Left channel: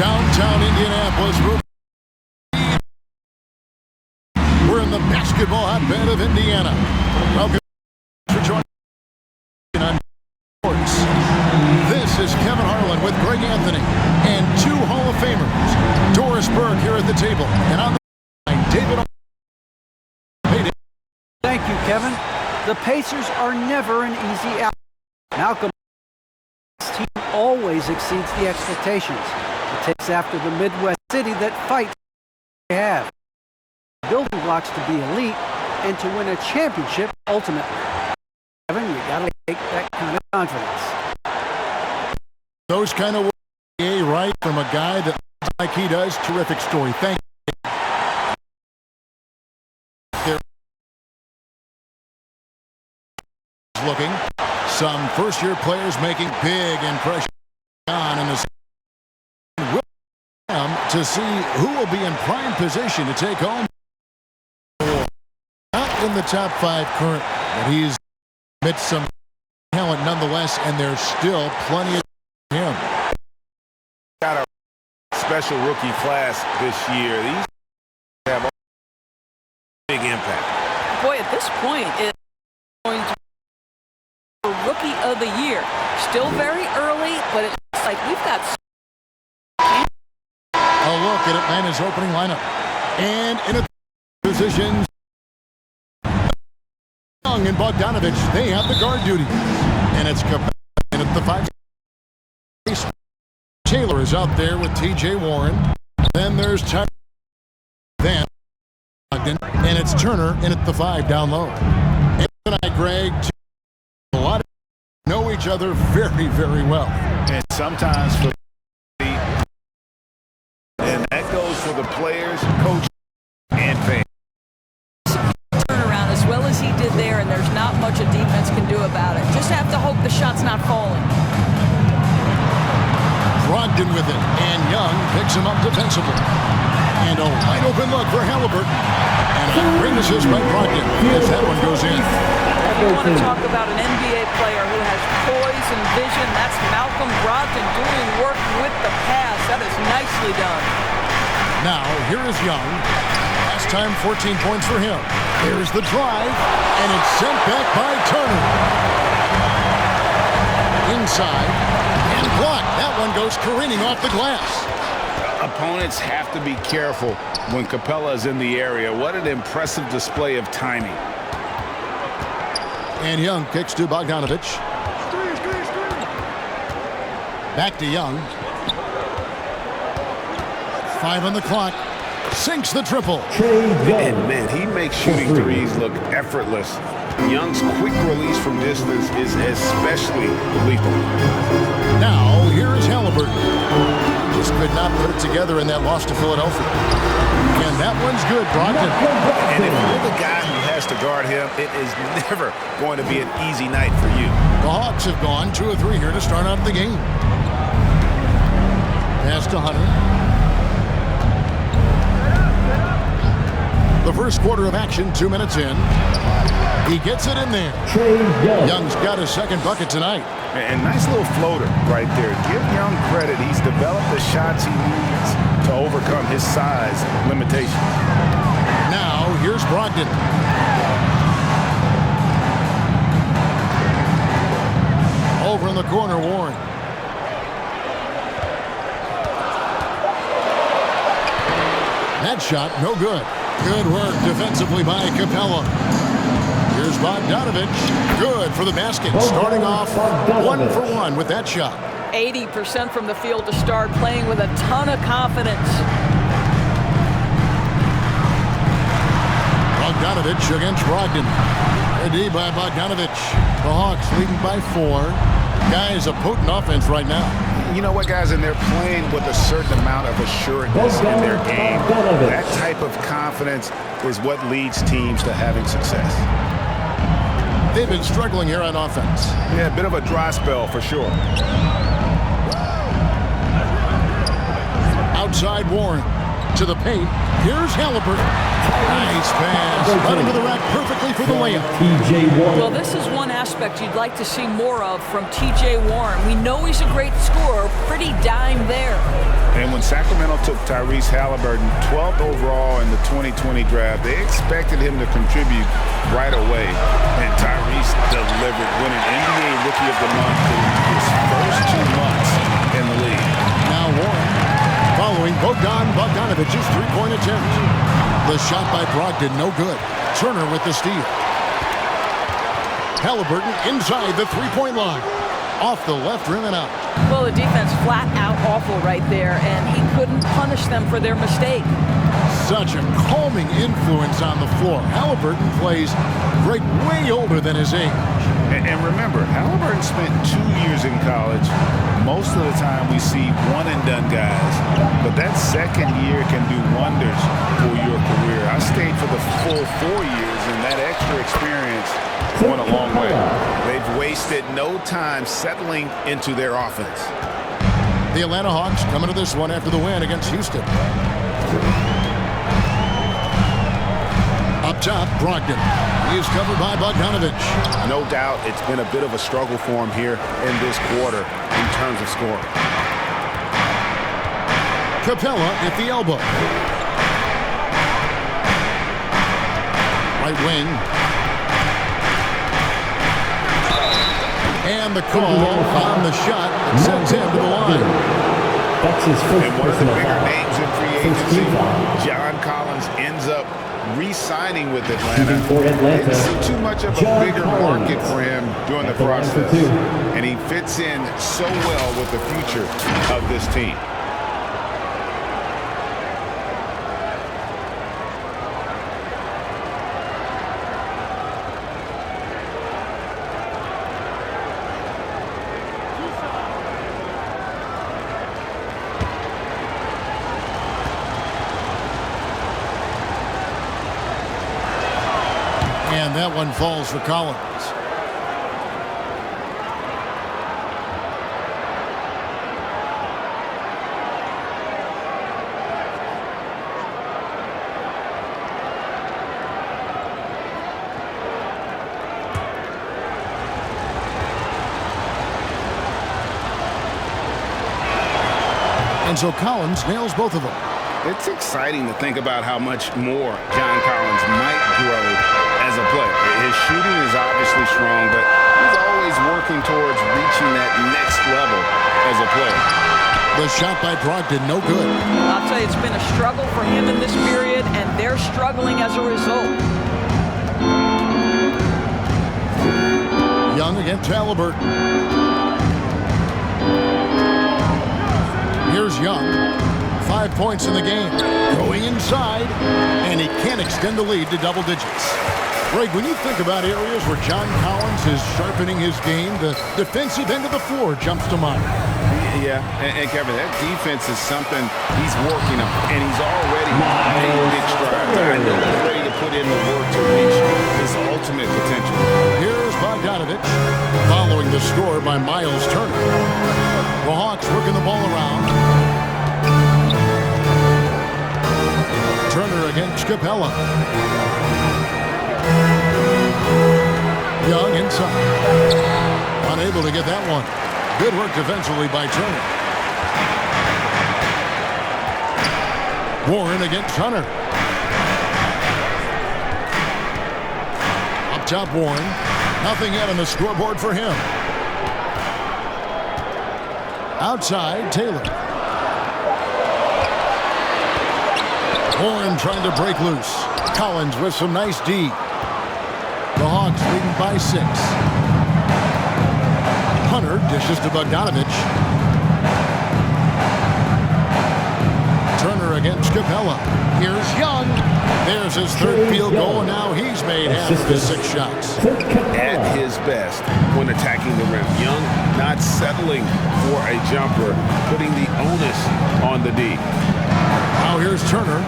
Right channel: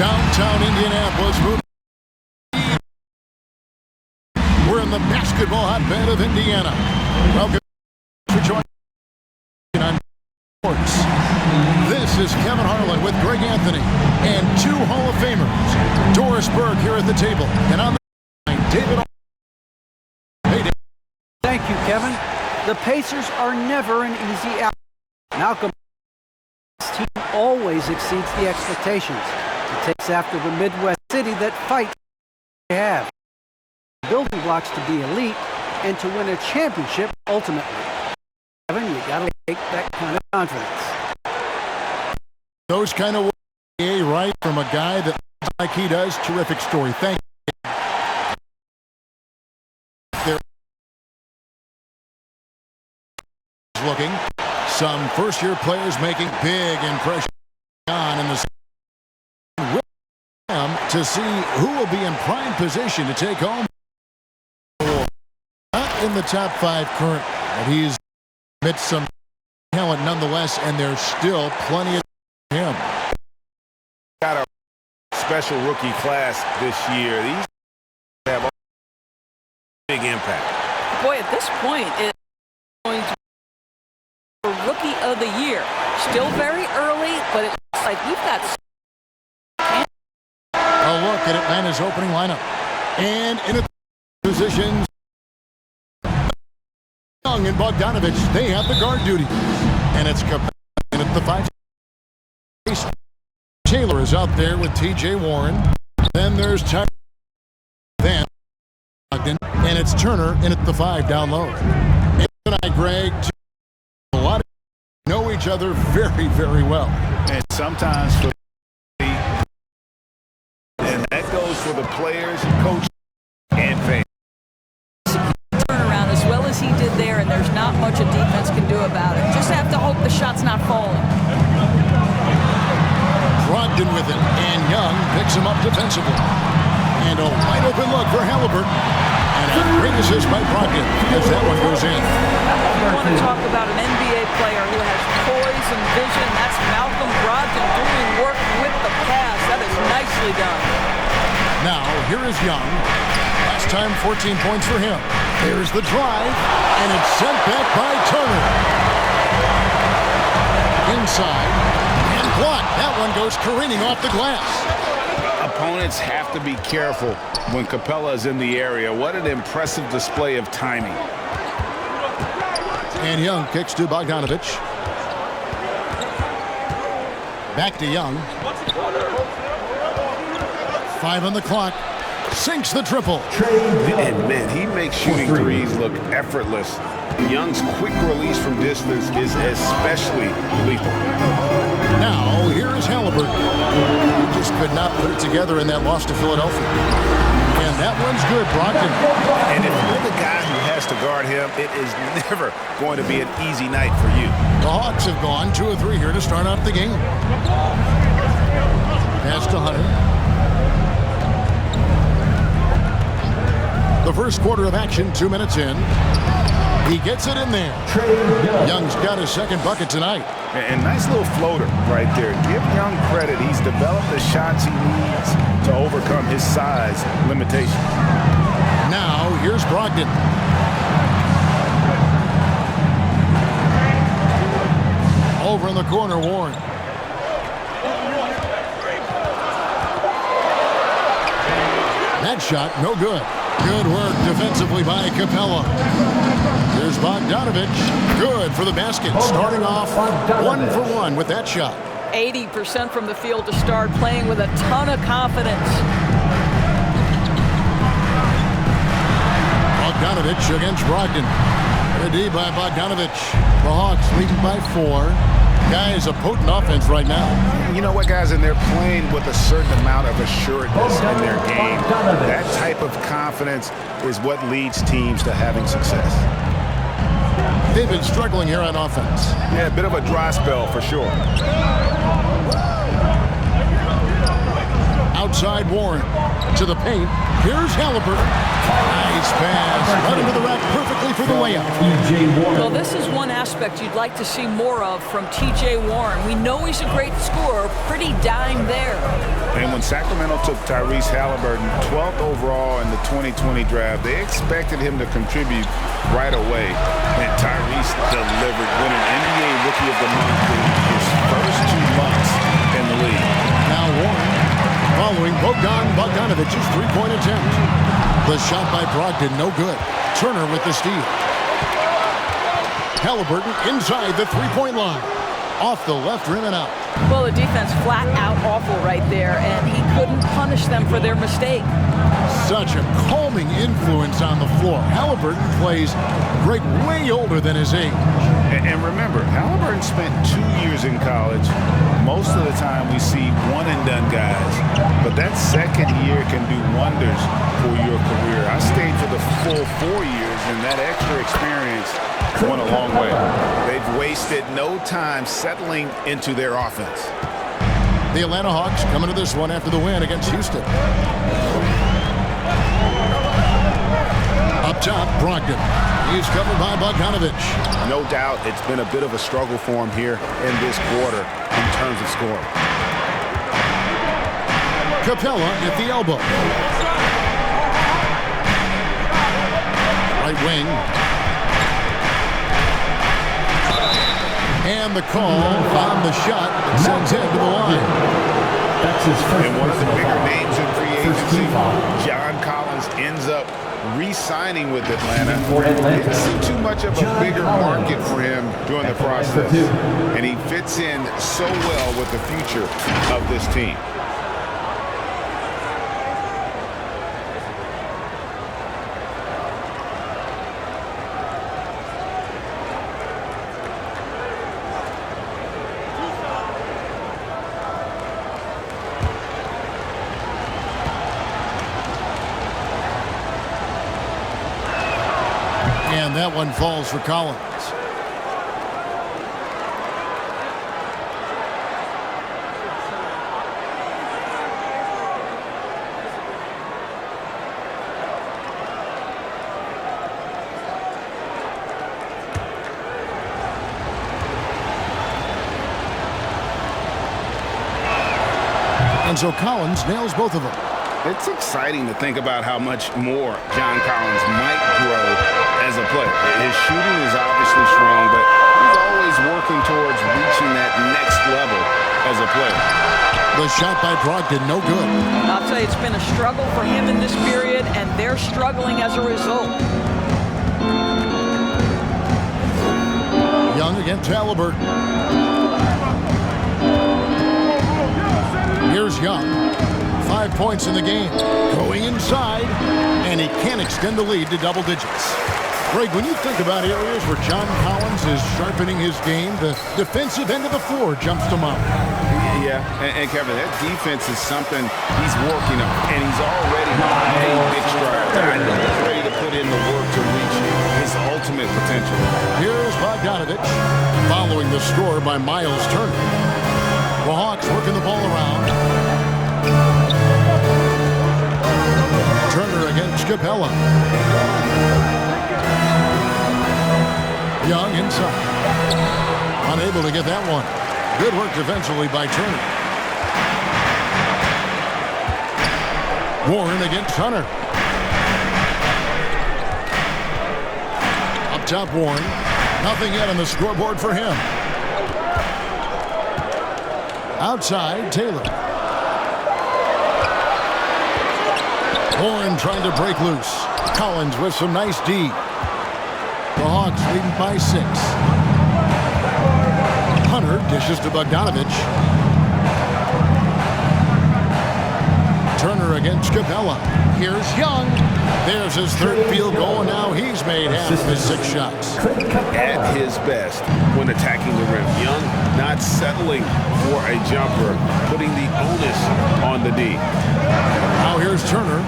Downtown Indianapolis. We're in the basketball hotbed of Indiana. Welcome for joining on sports. This is Kevin Harlan with Greg Anthony and two Hall of Famers. Doris Burke here at the table, and on the line, David. Thank you, Kevin. The Pacers are never an easy out. Malcolm's team always exceeds the expectations. It takes after the Midwest city that fights they have. Building blocks to be elite and to win a championship ultimately. Kevin, you gotta take that kind of confidence. Those kind of words, right, from a guy that like he does. Terrific story. Thank you. There looking. Some first-year players making big impressions on in the to see who will be in prime position to take home. Not in the top 5 currently, but he's amidst some talent nonetheless, and there's still plenty of him. Got a special rookie class this year. These have a big impact. Boy, at this point, it's going to be a rookie of the year. Still very early, but it looks like we've got a look at Atlanta's opening lineup. And in a positions, Young and Bogdanovich, they have the guard duties. And it's Capella in at the 5. Taylor is out there with T.J. Warren. Then there's Tyler. Then Ogden. And it's Turner in at the 5 down low. And tonight, Greg, a lot of know each other very, very well. And sometimes for and that goes for the players, coach, and fans. Turnaround as well as he did there, and there's not much a defense can do about it. Just have to hope the shot's not falling. Brogdon with it, and Young picks him up defensively. And a wide open look for Halliburton. And a great assist by Brogdon as that one goes in. If you want to talk about an NBA player who has poise and vision, that's Malcolm Brogdon doing work with the pass. That is nicely done. Now, here is Young. Last time, 14 points for him. There's the drive, and it's sent back by Turner. Inside, and blocked. That one goes careening off the glass. Opponents have to be careful when Capella is in the area. What an impressive display of timing. And Young kicks to Bogdanovich. Back to Young. 5 on the clock. Sinks the triple. And man, he makes shooting threes look effortless. Young's quick release from distance is especially lethal. Now, here is Halliburton. He just could not put it together in that loss to Philadelphia. And that one's good, Brogdon. And if you're the guy who has to guard him, it is never going to be an easy night for you. The Hawks have gone 2 of 3 here to start out the game. Pass to Hunter. The first quarter of action, 2 minutes in. He gets it in there. Young's got his second bucket tonight. And nice little floater right there. Give Young credit. He's developed the shots he needs to overcome his size limitations. Now, here's Brogdon. Over in the corner, Warren. That shot, no good. Good work defensively by Capella. Here's Bogdanovich. Good for the basket. Starting off 1 for 1 with that shot. 80% from the field to start, playing with a ton of confidence. Bogdanovich against Brogdon. Ready by Bogdanovich. The Hawks leading by 4. Guys, a potent offense right now. You know what, guys, and they're playing with a certain amount of assuredness in their game. That type of confidence is what leads teams to having success. They've been struggling here on offense. Yeah, a bit of a dry spell for sure. Outside Warren to the paint. Here's Halliburton. Nice pass. Right into the rack perfectly for the layup. T.J. Warren. Well, this is one aspect you'd like to see more of from T.J. Warren. We know he's a great scorer. Pretty dime there. And when Sacramento took Tyrese Halliburton 12th overall in the 2020 draft, they expected him to contribute right away. And Tyrese delivered, winning NBA Rookie of the Month in his first 2 months in the league. Now Warren following Bogdanovic's three-point attempt. The shot by Brogdon, no good. Turner with the steal. Halliburton inside the three-point line. Off the left rim and out. Well, the defense flat out awful right there, and he couldn't punish them for their mistake. Such a calming influence on the floor. Halliburton plays great, way older than his age. And remember, Halliburton spent 2 years in college. Most of the time we see one-and-done guys, but that second year can do wonders for your career. I stayed for the full 4 years, and that extra experience went a long way. They've wasted no time settling into their offense. The Atlanta Hawks coming to this one after the win against Houston. Up top, Brogdon. He's covered by Bogdanovich. No doubt it's been a bit of a struggle for him here in this quarter in terms of scoring. Capella at the elbow. Right wing. And the call on the shot that sends him to the line. That's his first. And one of the bigger names in free agency, John Collins, ends up re-signing with Atlanta. Didn't see too much of a bigger market for him during the process. And he fits in so well with the future of this team. And that one falls for Collins. And so Collins nails both of them. It's exciting to think about how much more John Collins might grow as a player. His shooting is obviously strong, but he's always working towards reaching that next level as a player. The shot by Brogdon, no good. I'll tell you, it's been a struggle for him in this period, and they're struggling as a result. Young against Halliburton. Here's Young. 5 points in the game. Going inside, and he can't extend the lead to double digits. Greg, when you think about areas where John Collins is sharpening his game, the defensive end of the floor jumps to mind. Yeah, and Kevin, that defense is something he's working on, and he's already made big strides. I know he's ready to put in the work to reach his ultimate potential. Here's Bogdanovich, following the score by Miles Turner. The Hawks working the ball around. Turner against Capella. Young inside. Unable to get that one. Good work defensively by Turner. Warren against Hunter. Up top, Warren. Nothing yet on the scoreboard for him. Outside, Taylor. Warren trying to break loose. Collins with some nice D. The Hawks leading by 6. Hunter dishes to Bogdanovich. Turner against Capella. Here's Young. There's his third field goal, and now he's made half of his 6 shots. At his best when attacking the rim. Young not settling for a jumper, putting the onus on the D. Now here's Turner.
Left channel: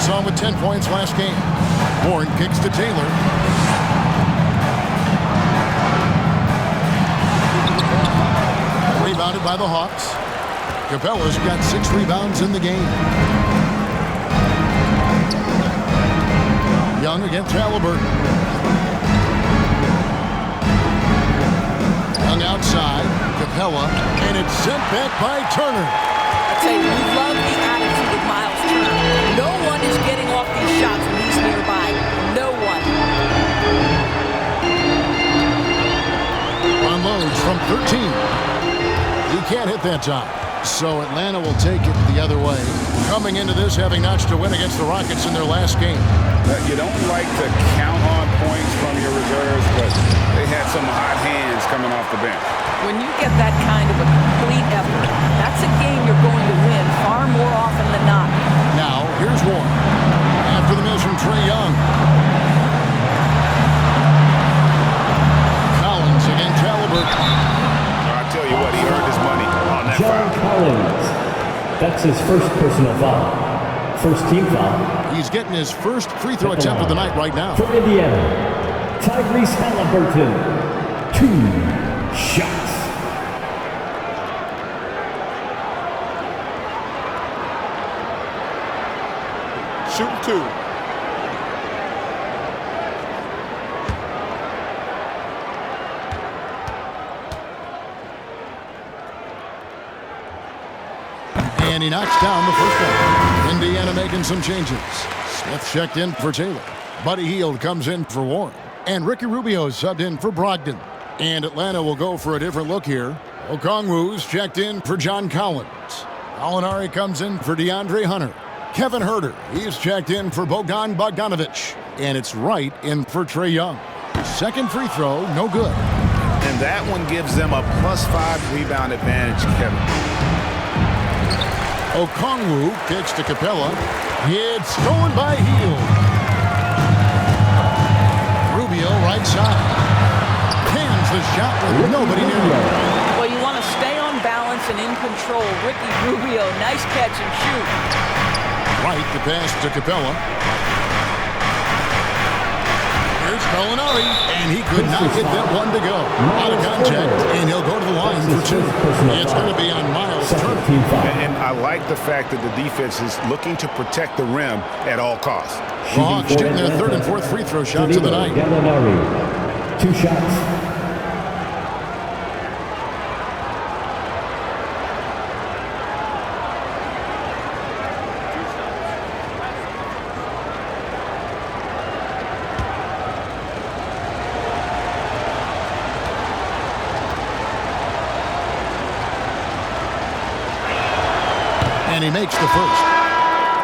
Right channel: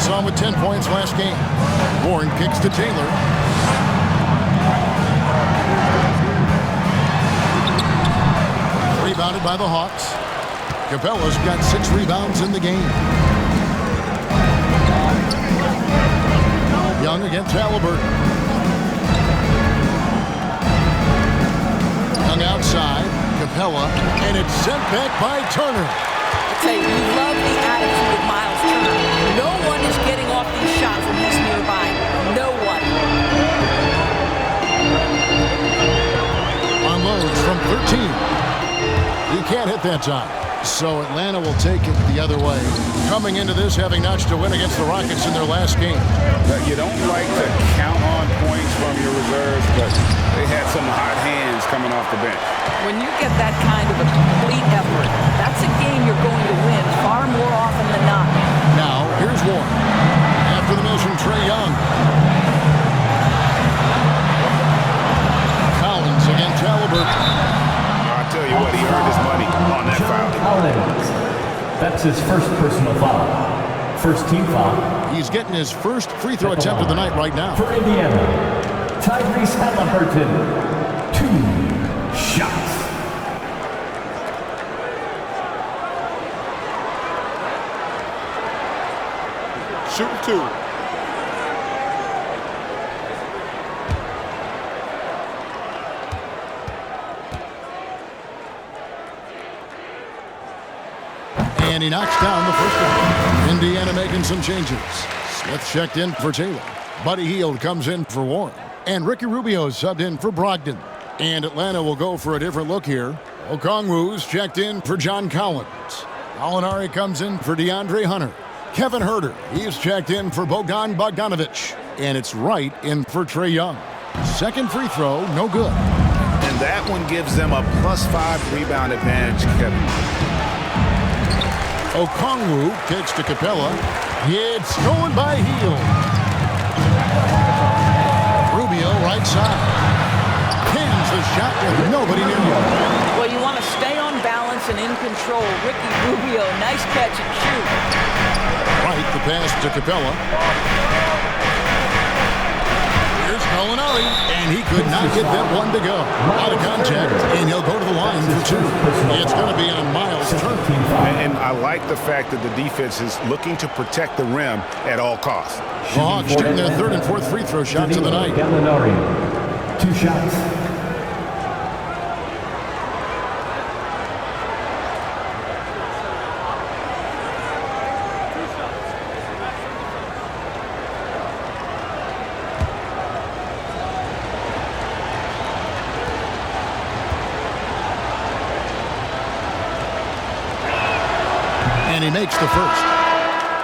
Saw him with 10 points last game. Warren kicks to Taylor. Rebounded by the Hawks. Capella's got 6 rebounds in the game. Young against Halliburton. Young outside. Capella. And it's sent back by Turner. I tell you, we love the attitude of Miles Turner. No one is getting off these shots when he's nearby. No one. Unloads from 13. He can't hit that time. So Atlanta will take it the other way. Coming into this, having notched a win against the Rockets in their last game. You don't like to count on points from your reserves, but they had some hot hands coming off the bench. When you get that kind of a complete effort, that's a game you're going to win far more often than not. Now, here's Warren. After the miss from Trae Young. Collins against Halliburton. I tell you what, he earned his money on that foul. Collins. That's his first personal foul. First team foul. He's getting his first free throw attempt of the night right now. For Indiana, Tyrese Halliburton. 2 shots. Shooting 2. And he knocks down the first one. Indiana making some changes. Smith checked in for Taylor. Buddy Hield comes in for Warren. And Ricky Rubio subbed in for Brogdon. And Atlanta will go for a different look here. Okongwu's checked in for John Collins. Gallinari comes in for DeAndre Hunter. Kevin Huerter, he's checked in for Bogdan Bogdanovic. And it's Wright in for Trae Young. Second free throw, no good. And that one gives them a +5 rebound advantage, Kevin. Okongwu kicks to Capella. It's stolen by Hield. Rubio right side. Cans the shot with nobody near him. Well, you want to stay on balance and in control. Ricky Rubio, nice catch and shoot. Right, the pass to Capella. Here's Gallinari, and he could not get that one to go. Out of contact, and he'll go to the line for 2. It's going to be on Miles Turner. And I like the fact that the defense is looking to protect the rim at all costs. The Hawks shooting their 3rd and 4th free throw shots of the night. Gallinari. 2 shots. And he makes the first.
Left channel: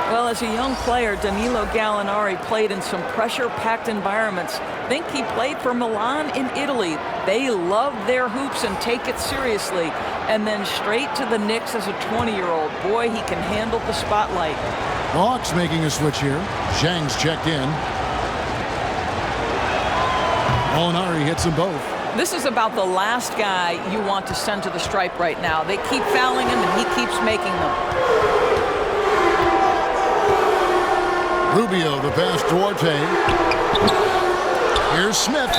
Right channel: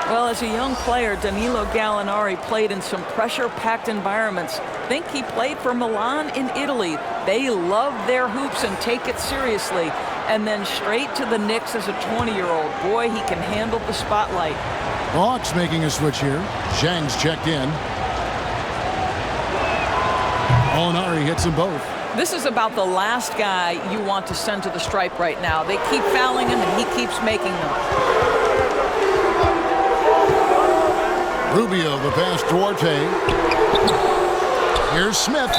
Well, as a young player, Danilo Gallinari played in some pressure-packed environments. Think he played for Milan in Italy. They love their hoops and take it seriously. And then straight to the Knicks as a 20-year-old. Boy, he can handle the spotlight. The Hawks making a switch here. Zhang's checked in. Gallinari hits them both. This is about the last guy you want to send to the stripe right now. They keep fouling him, and he keeps making them. Rubio, the pass to Duarte. Here's Smith.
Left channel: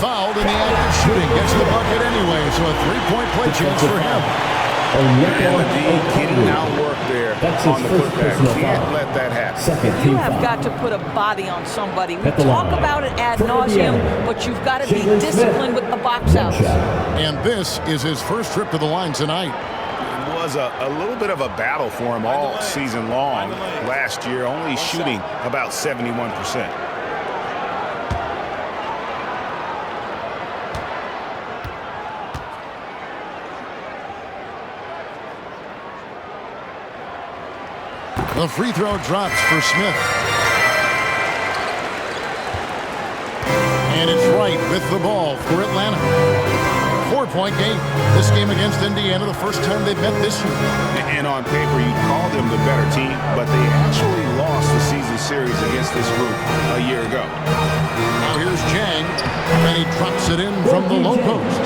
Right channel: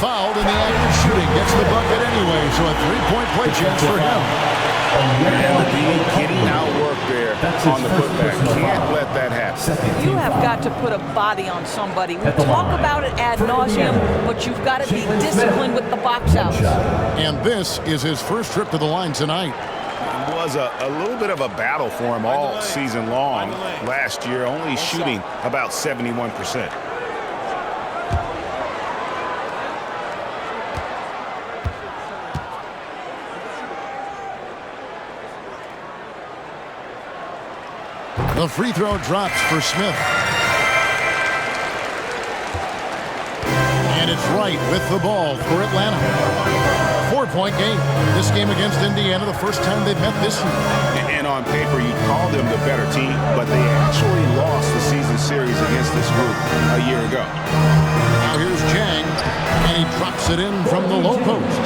Fouled in the act of shooting. Gets the bucket anyway, so a 3-point play chance for him. And the D getting outwork there on the putback. Can't let that happen. You have got to put a body on somebody. We talk about it ad nauseum, but you've got to be disciplined with the box outs. And this is his first trip to the line tonight. It was a little bit of a battle for him all season long. Last year, only shooting about 71%. The free throw drops for Smith. And it's Wright with the ball for Atlanta. 4-point game. This game against Indiana, the first time they've met this year. And on paper, you'd call them the better team, but they actually lost the season series against this group a year ago. Now here's Zhang, and he drops it in from the low post.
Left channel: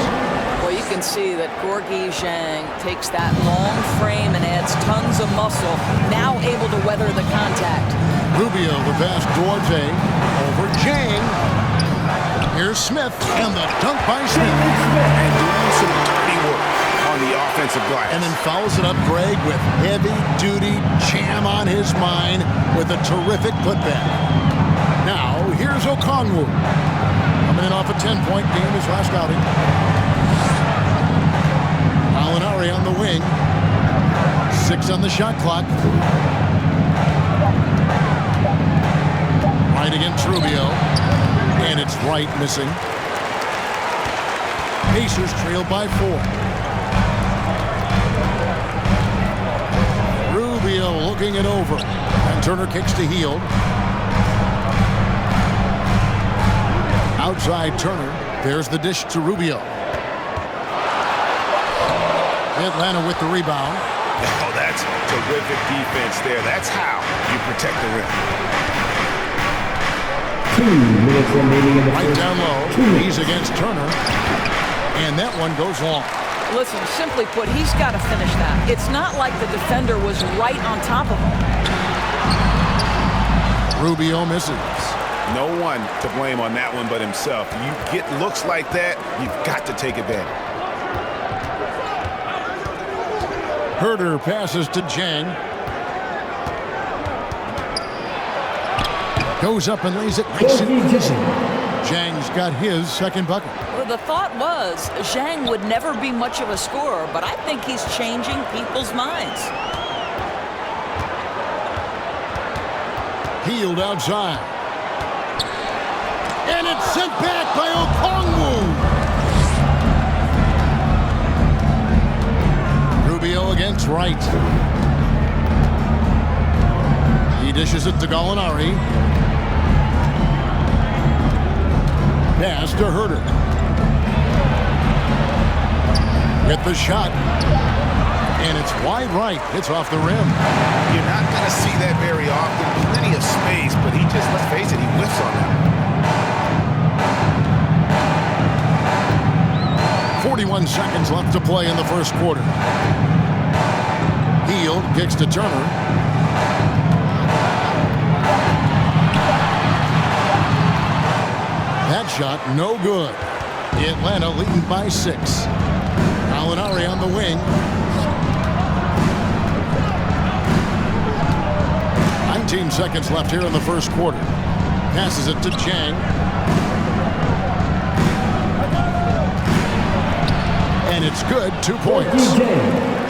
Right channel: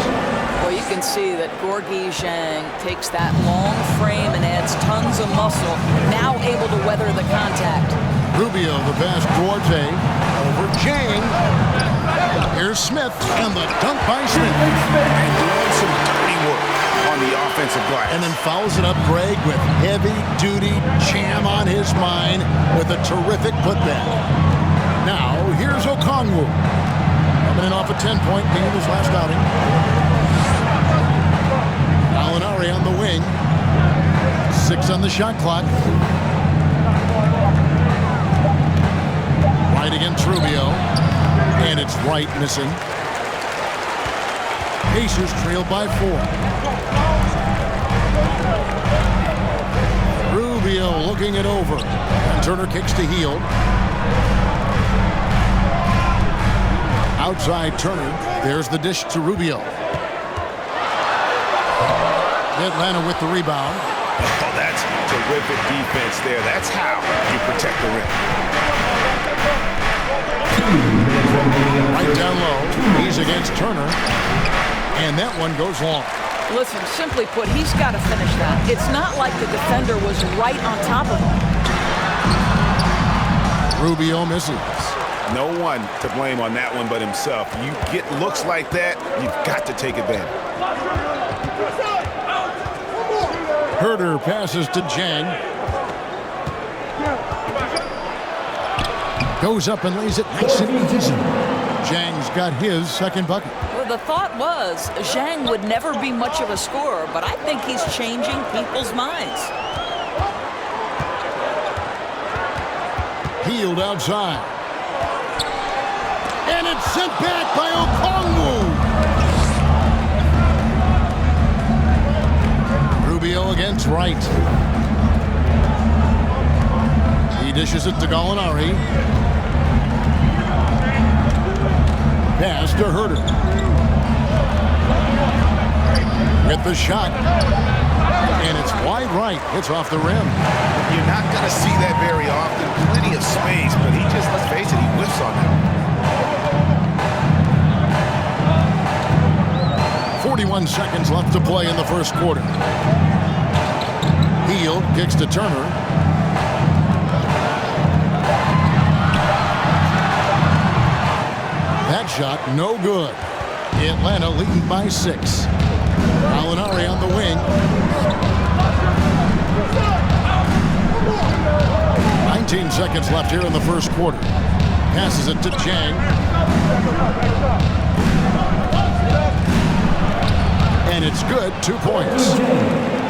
Well, you can see that Gorgui Zhang takes that long frame and adds tons of muscle, now able to weather the contact. Rubio, the pass, Duarte, over Zhang. Here's Smith, and the dunk by Smith. And doing some dirty work on the offensive glass. And then fouls it up Greg with heavy-duty jam on his mind with a terrific putback. Now, here's Okongwu. Coming in off a 10-point game his last outing. Gallinari on the wing. 6 on the shot clock. Right against Rubio. And it's right missing. Pacers trail by 4. Rubio looking it over. And Turner kicks to Hield. Outside Turner. There's the dish to Rubio. Atlanta with the rebound. Oh, that's terrific defense there. That's how you protect the rim. 2 minutes remaining in the Right first. down low. He's against Turner. And that one goes long. Listen, simply put, he's got to finish that. It's not like the defender was right on top of him. Rubio misses. No one to blame on that one but himself. You get looks like that, you've got to take advantage. Herter passes to Jang. Goes up and lays it nice and easy. Zhang's got his second bucket. Well, the thought was Zhang would never be much of a scorer, but I think he's changing people's minds. Hield outside. And it's sent back by Okongwu. Rubio against Wright. He dishes it to Gallinari. Pass to Herter. With the shot. And it's wide right. Hits off the rim. You're not going to see that very often. Plenty of space, but he just, let's face it, he whiffs on that one. 41 seconds left to play in the first quarter. Hield kicks to Turner. That shot no good. Atlanta leading by 6. Gallinari on the wing. 19 seconds left here in the first quarter. Passes it to Chang. And it's good. 2 points.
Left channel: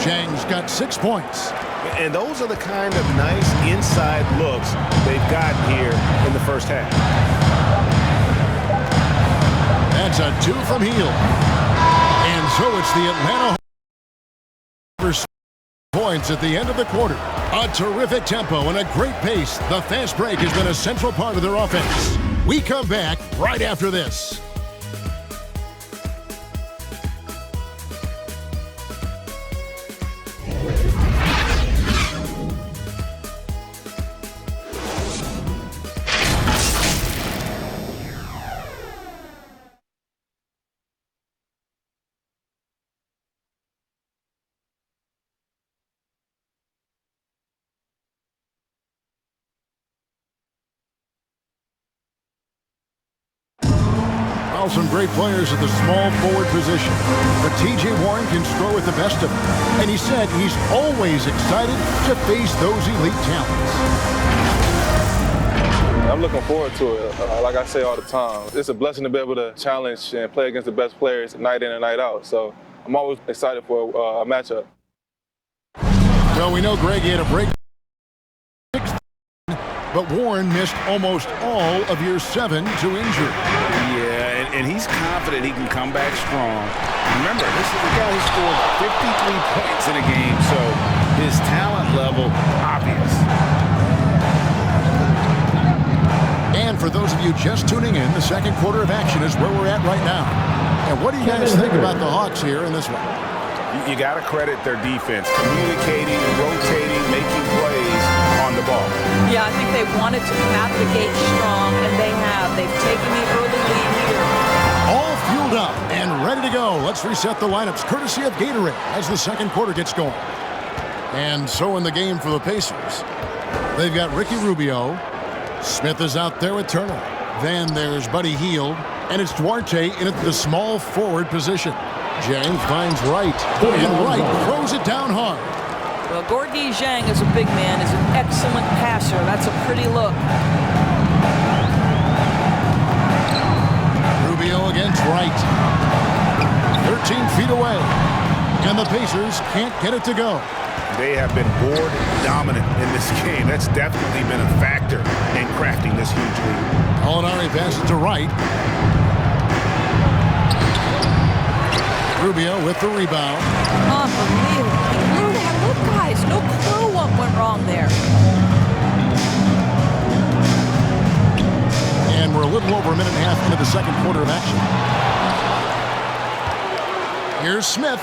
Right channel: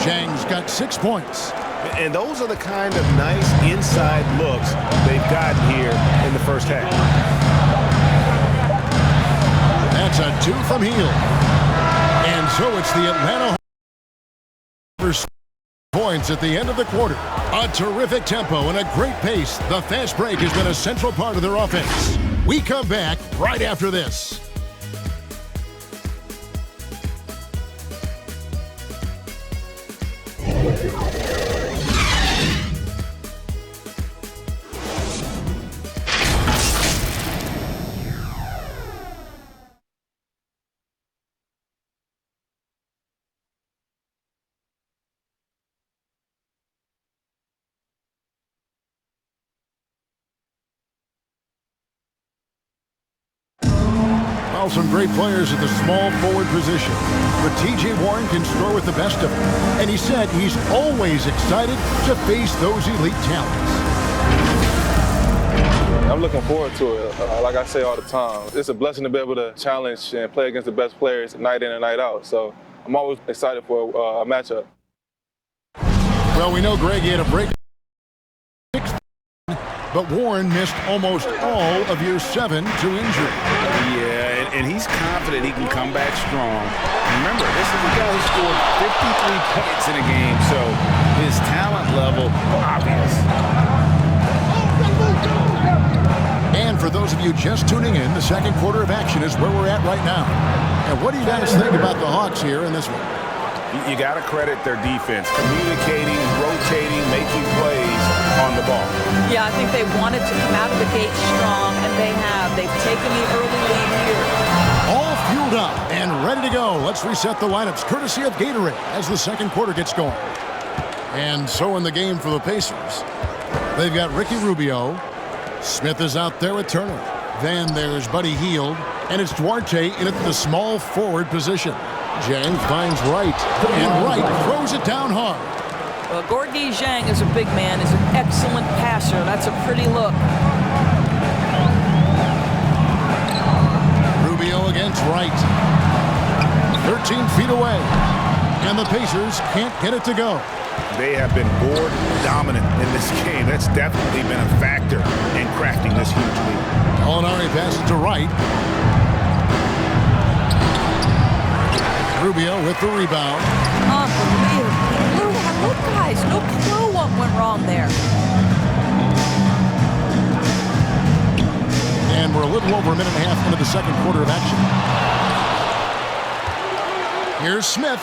Chang's got 6 points. And those are the kind of nice inside looks they've gotten here in the first half. That's a 2 from Hield. And so it's the Atlanta points at the end of the quarter. A terrific tempo and a great pace. The fast break has been a central part of their offense. We come back right after this. Well, some great players at the small forward position. But T.J. Warren can score with the best of them. And he said he's always excited to face those elite talents. I'm looking forward to it. Like I say all the time, it's a blessing to be able to challenge and play against the best players night in and night out. So I'm always excited for a matchup. Well, we know Greg had a break. But Warren missed almost all of year 7 to injury. Yeah, and he's confident he can come back strong. Remember, this is a guy who scored 53 points in a game, so his talent level, obvious. And for those of you just tuning in, the second quarter of action is where we're at right now. And what do you guys think about the Hawks here in this one? You got to credit their defense, communicating, rotating, making plays on the ball. Yeah, I think they wanted to come out of the gate strong, and they have. They've taken the early lead here. All fueled up and ready to go. Let's reset the lineups courtesy of Gatorade as the second quarter gets going. And so in the game for the Pacers, they've got Ricky Rubio. Smith is out there with Turner. Then there's Buddy Hield, and it's Duarte in at the small forward position. Zhang finds Wright, and Wright throws it down hard. Well, Gorgui Zhang as a big man is an excellent passer. That's a pretty look. Rubio against Wright. 13 feet away. And the Pacers can't get it to go. they have been board dominant in this game. That's definitely been a factor in crafting this huge lead. Gallinari passes to right. Rubio with the rebound. Unbelievable. He blew that. Look, guys, no clue what went wrong there. And we're a little over a minute and a half into the second quarter of action. Here's Smith.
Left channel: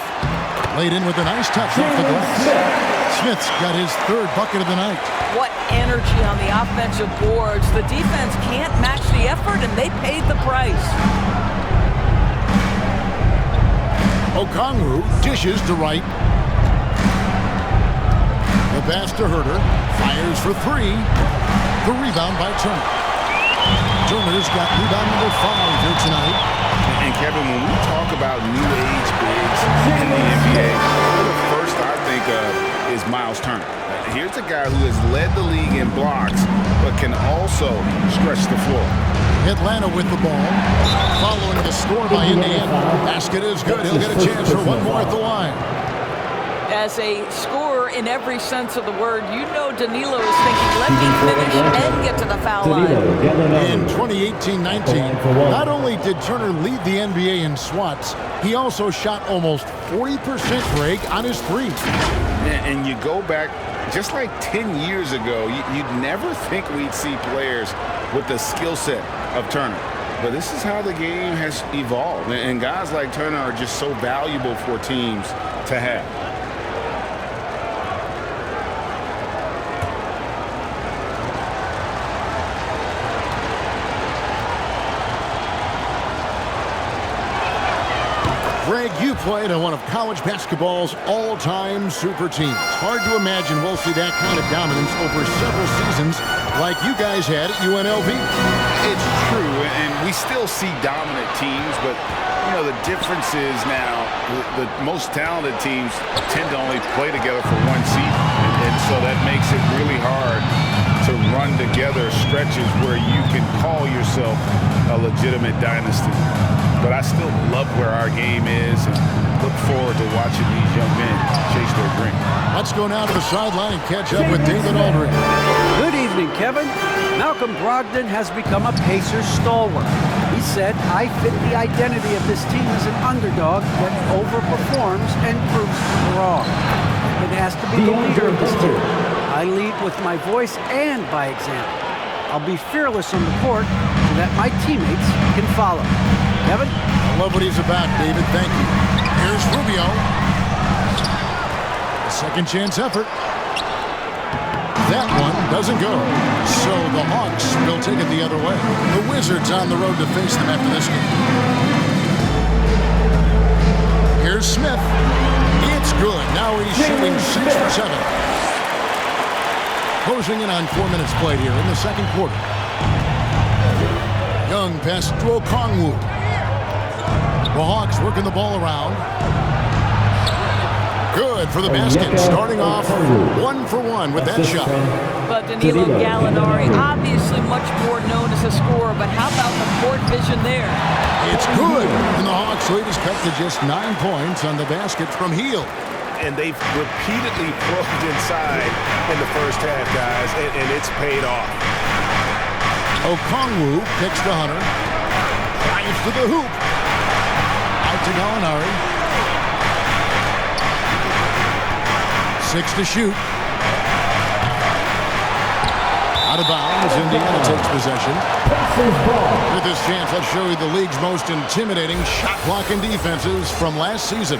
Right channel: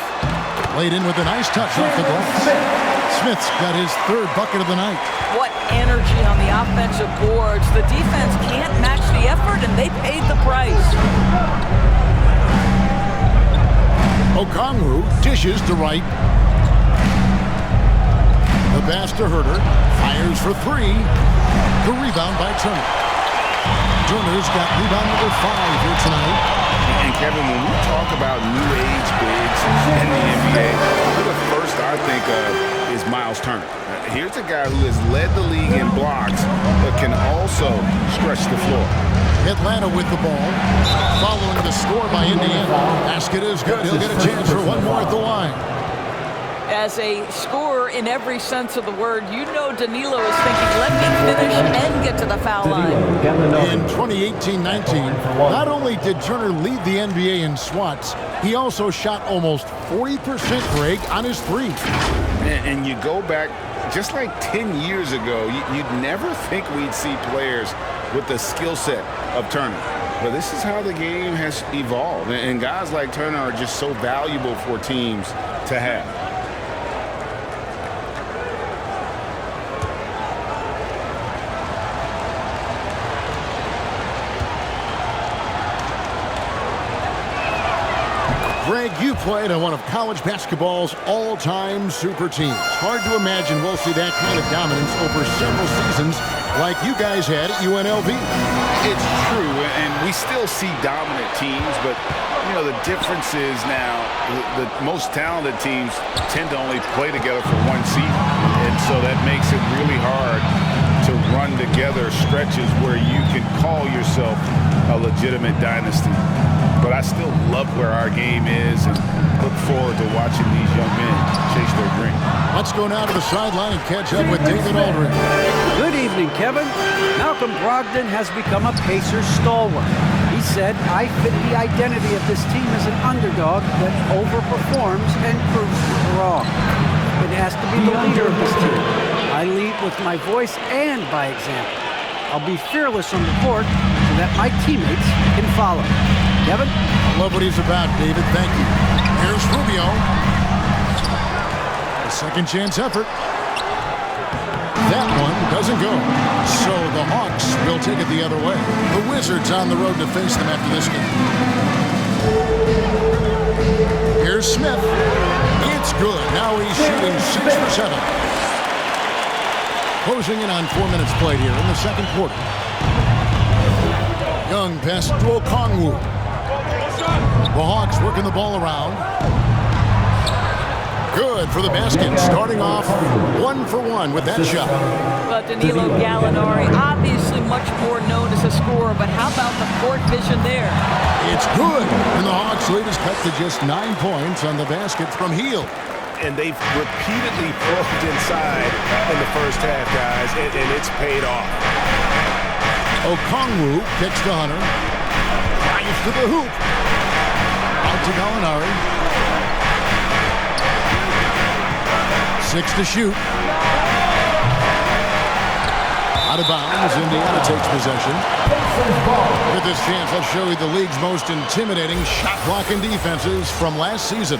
Laid in with a nice touch off the glass. Smith's got his third bucket of the night. What energy on the offensive boards. The defense can't match the effort, and they paid the price. Okongwu dishes to right. The pass to Herter. Fires for three. The rebound by Turner. Turner's got rebound number 5 here tonight. And Kevin, when we talk about new age bigs in the NBA, one of the first I think of is Miles Turner. Here's a guy who has led the league in blocks, but can also stretch the floor. Atlanta with the ball. Following the score by Indiana. Basket is good. He'll get a chance for one more at the line. As a scorer in every sense of the word, you know Danilo is thinking, let me finish and get to the foul line. In 2018-19, not only did Turner lead the NBA in swats, he also shot almost 40%, Greg, on his three. And you go back just like 10 years ago, you'd never think we'd see players with the skill set of Turner. But this is how the game has evolved. And guys like Turner are just so valuable for teams to have. Greg, you played on one of college basketball's all-time super teams. Hard to imagine we'll see that kind of dominance over several seasons like you guys had at UNLV. It's true, and we still see dominant teams, but, you know, the difference is now the most talented teams tend to only play together for one season, and so that makes it really hard to run together stretches where you can call yourself a legitimate dynasty. But I still love where our game is and look forward to watching these young men chase their dream. Let's go now to the sideline and catch up with David Aldridge. Good evening, Kevin. Malcolm Brogdon has become a Pacers stalwart. He said, I fit the identity of this team as an underdog that overperforms and proves people wrong. I've been asked to be the leader of this team. I lead with my voice and by example. I'll be fearless on the court so that my teammates can follow. Kevin? I love what he's about, David. Thank you. Here's Rubio. A second chance effort. That one doesn't go. So the Hawks will take it the other way. The Wizards on the road to face them after this game. Here's Smith. It's good. Now he's shooting 6 for 7. Closing in on 4 minutes played here in the second quarter. Young pass to Okongwu. The Hawks working the ball around. Good for the basket. Starting off 1 for 1 with that shot. But Danilo Gallinari, obviously much more known as a scorer, but how about the court vision there? It's good. And the Hawks lead is cut to just 9 points on the basket from Hield. And they've repeatedly probed inside in the first half, guys, and it's paid off. Okongwu kicks to Hunter. Drives to the hoop. Out to Gallinari. 6 to shoot. Out of bounds. Indiana takes possession. With this chance, let's show you the league's most intimidating shot blocking defenses from last season.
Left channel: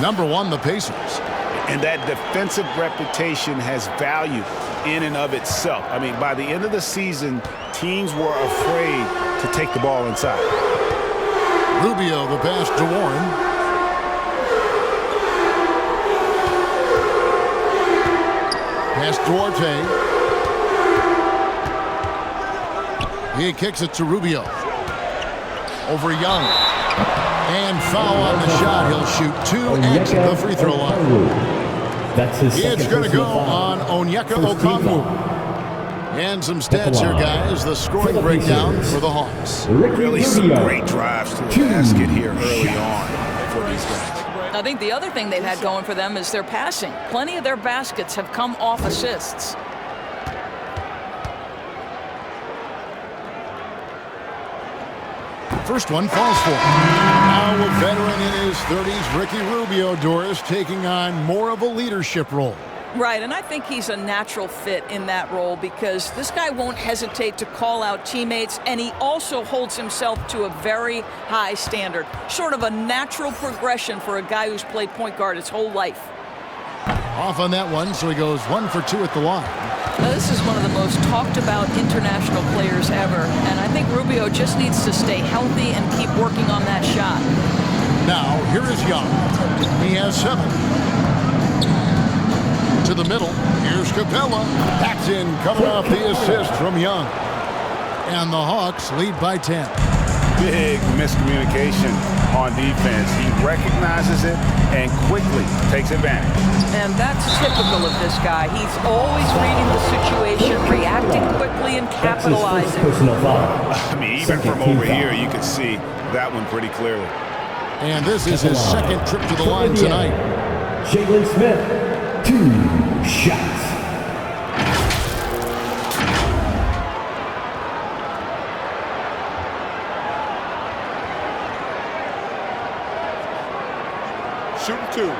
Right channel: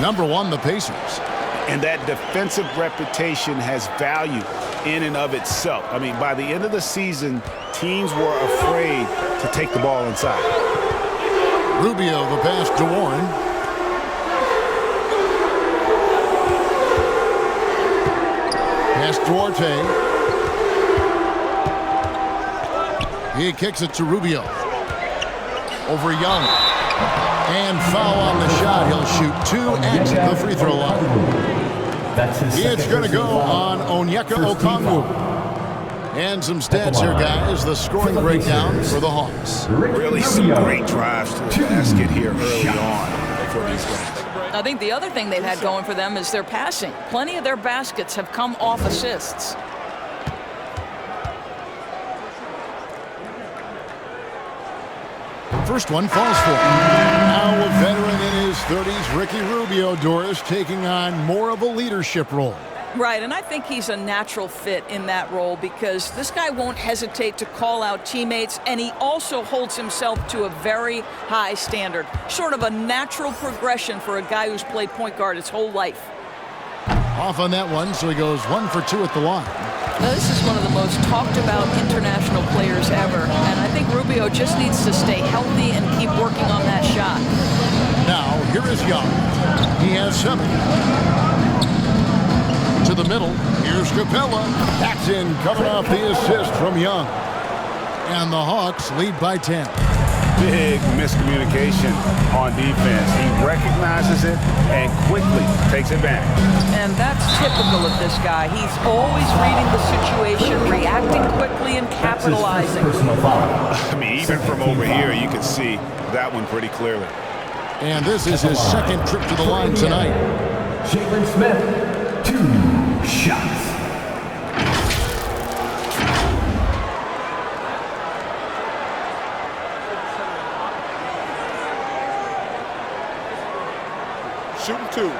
Number 1, the Pacers. And that defensive reputation has value in and of itself. I mean, by the end of the season, teams were afraid to take the ball inside. Rubio, the pass to Warren. Pass to Orte. He kicks it to Rubio. Over Young. And foul on the shot. He'll shoot 2 at the free throw line. That's his It's going to go on Onyeka Okongwu. And some stats here, guys. The scoring breakdown for the Hawks. Really some great drives to the basket here early on for these guys. I think the other thing they've had going for them is their passing. Plenty of their baskets have come off assists. First one falls for him. Now a veteran in his 30s, Ricky Rubio, Doris, taking on more of a leadership role. Right, and I think he's a natural fit in that role because this guy won't hesitate to call out teammates, and he also holds himself to a very high standard. Sort of a natural progression for a guy who's played point guard his whole life. Off on that one, so he goes 1 for 2 at the line. Now, this is one of the most talked about international players ever, and I think Rubio just needs to stay healthy and keep working on that shot. Now, here is Young. He has 7. To the middle, here's Capella. That's in, coming off the assist from Young. And the Hawks lead by 10. Big miscommunication on defense. He recognizes it and quickly takes advantage. And that's typical of this guy. He's always reading the situation, reacting quickly, and capitalizing. Personal foul. I mean, even from over here, you can see that one pretty clearly. And this is his second trip to the line tonight. Jalen Smith. 2 shots. Shooting 2.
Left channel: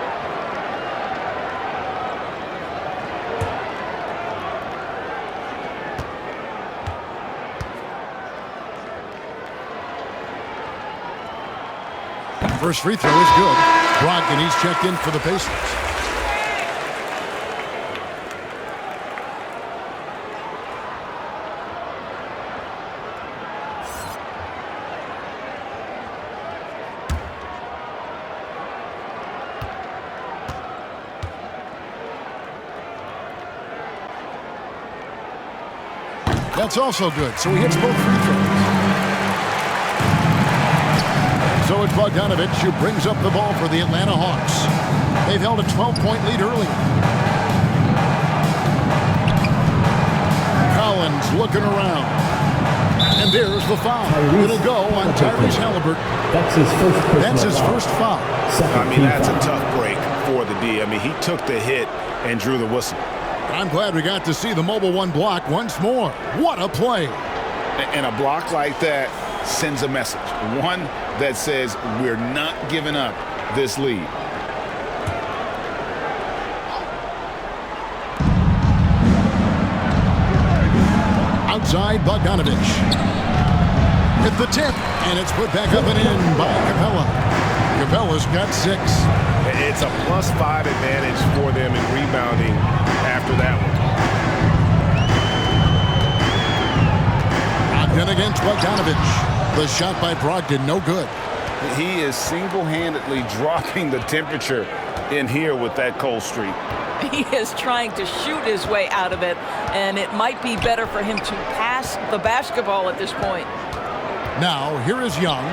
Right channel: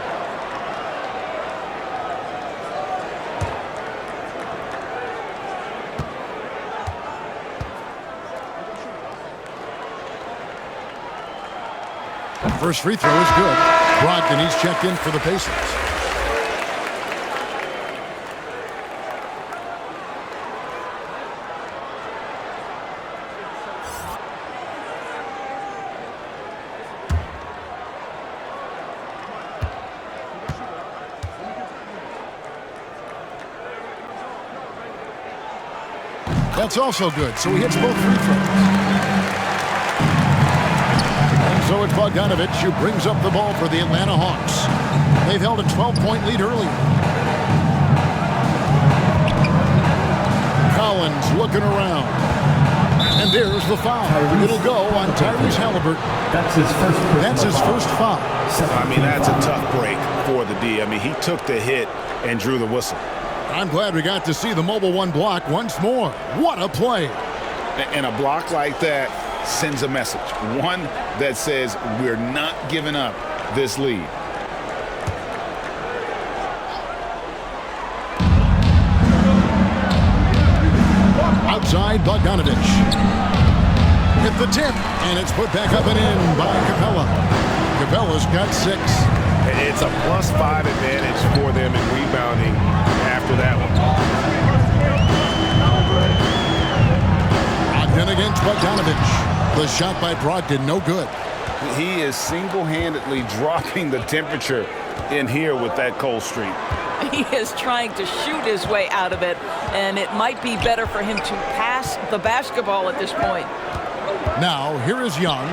First free throw is good. Brogdon, he's checked in for the Pacers. That's also good, so he hits both free throws. And so it's Bogdanovich who brings up the ball for the Atlanta Hawks. They've held a 12-point lead earlier. Collins looking around. And there's the foul. It'll go on Tyrese Halliburton. That's his first foul. I mean, that's a tough break for the D. I mean, he took the hit and drew the whistle. I'm glad we got to see the mobile one block once more. What a play. And a block like that sends a message. One that says we're not giving up this lead. Outside, Bogdanovich. Hit the tip, and it's put back up and in by Capella. Capella's got 6. It's a +5 advantage for them in rebounding after that one. Brogdon against Bogdanovich. The shot by Brogdon, no good. He is single-handedly dropping the temperature in here with that cold streak. He is trying to shoot his way out of it, and it might be better for him to pass the basketball at this point. Now, here is Young.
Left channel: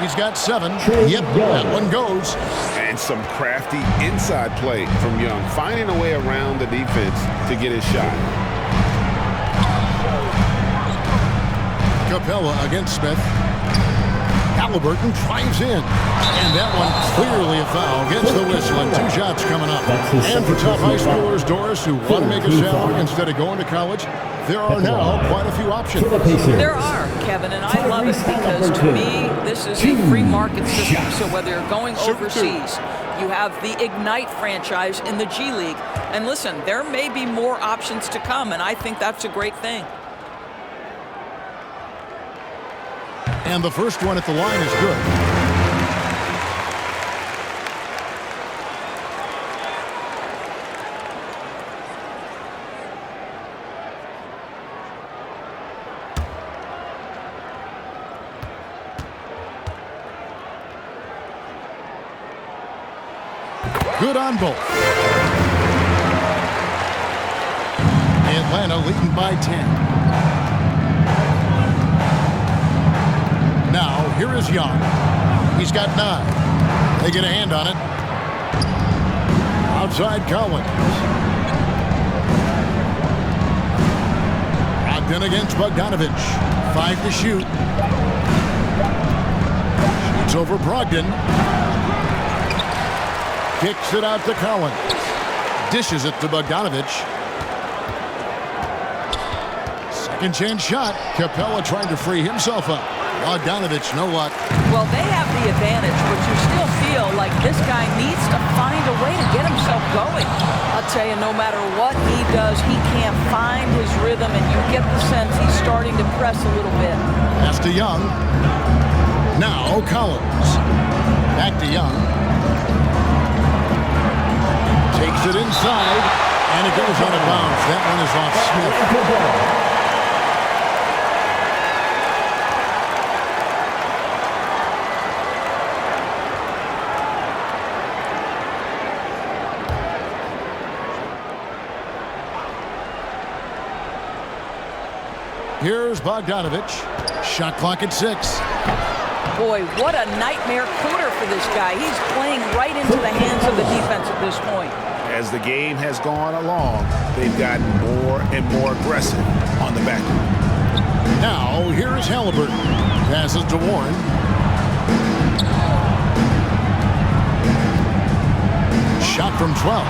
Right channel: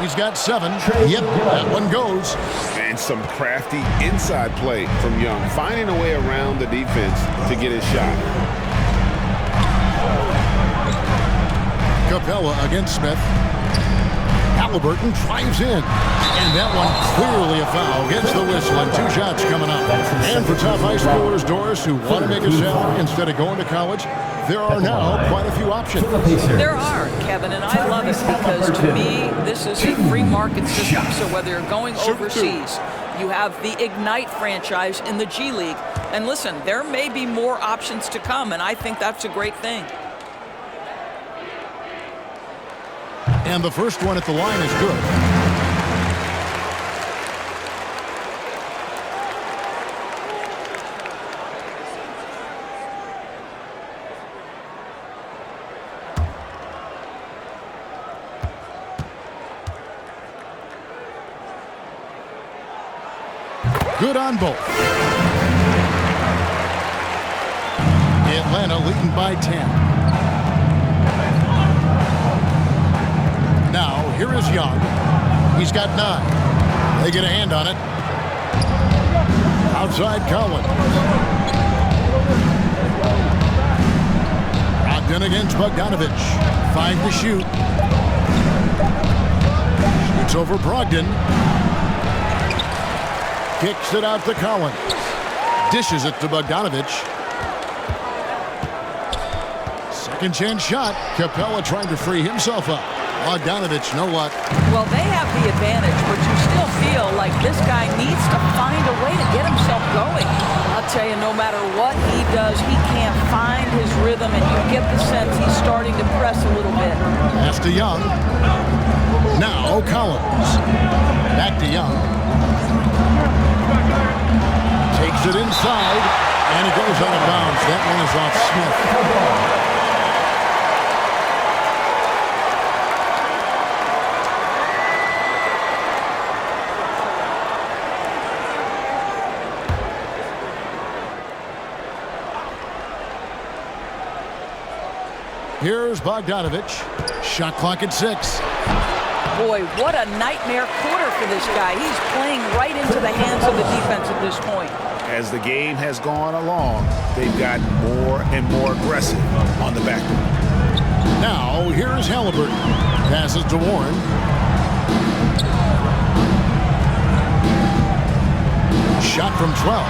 He's got 7. Yep, that one goes. And some crafty inside play from Young, finding a way around the defense to get his shot. Capella against Smith. Halliburton drives in. And that one clearly a foul. Gets the whistle, and 2 shots coming up. And for top high schoolers, Doris, who want to make a salary instead of going to college, there are now quite a few options. There are, Kevin, and I love it because to me, this is a free market system. So whether you're going overseas, you have the Ignite franchise in the G League. And listen, there may be more options to come, and I think that's a great thing. And the first one at the line is good. Good on both. Atlanta leading by 10. Now, here is Young. He's got 9. They get a hand on it. Outside Collins. Brogdon against Bogdanovich. 5 to shoot. Shoots over Brogdon. Kicks it out to Collins. Dishes it to Bogdanovich. Second chance shot. Capella trying to free himself up. Bogdanovich, no luck. Well, they have the advantage, but you still feel like this guy needs to find a way to get himself going. I'll tell you, no matter what he does, he can't find his rhythm, and you get the sense he's starting to press a little bit. Pass to Young. Now Collins. Back to Young. Takes it inside, and it goes out of bounds. That one is off Smith. Here's Bogdanovich. Shot clock at 6. Boy, what a nightmare quarter for this guy. He's playing right into the hands of the defense at this point. As the game has gone along, they've gotten more and more aggressive on the backcourt. Now, here's Halliburton. Passes to Warren. Shot from 12.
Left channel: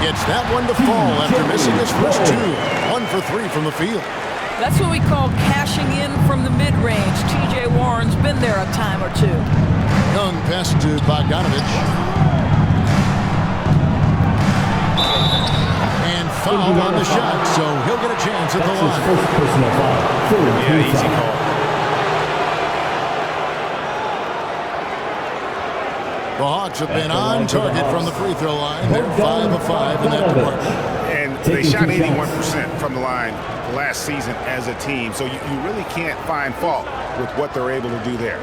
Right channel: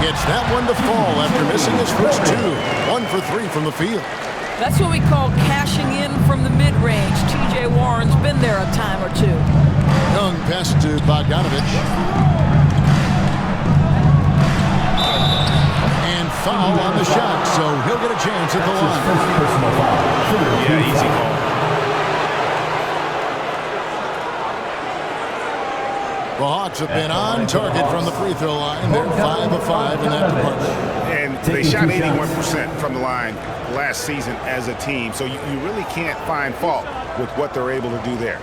Gets that one to fall after missing his first 2. 1 for 3 from the field. That's what we call cashing in from the mid-range. T.J. Warren's been there a time or two. Young pass to Bogdanovich. And foul on the shot, so he'll get a chance at the line. First personal foul. Yeah, easy call. The Hawks have been on target from the free throw line. They're 5 of 5 in that department. And they shot 81% from the line last season as a team, so you really can't find fault with what they're able to do there.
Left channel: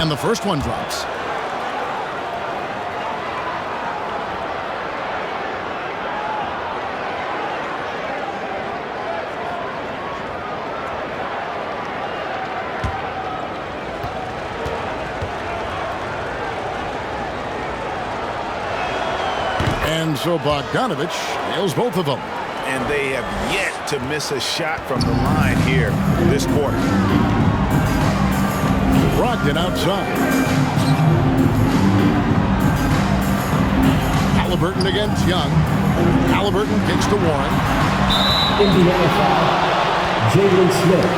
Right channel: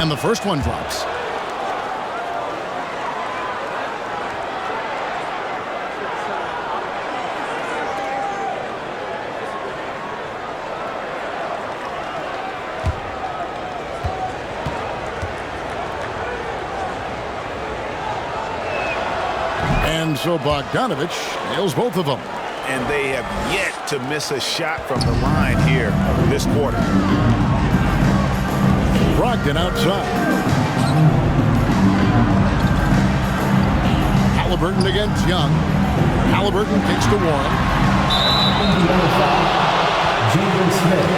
And the first one drops. And so Bogdanovich nails both of them. And they have yet to miss a shot from the line here this quarter. Brogdon outside. Halliburton against Young. Halliburton kicks to Warren. Indiana foul. Jalen Smith.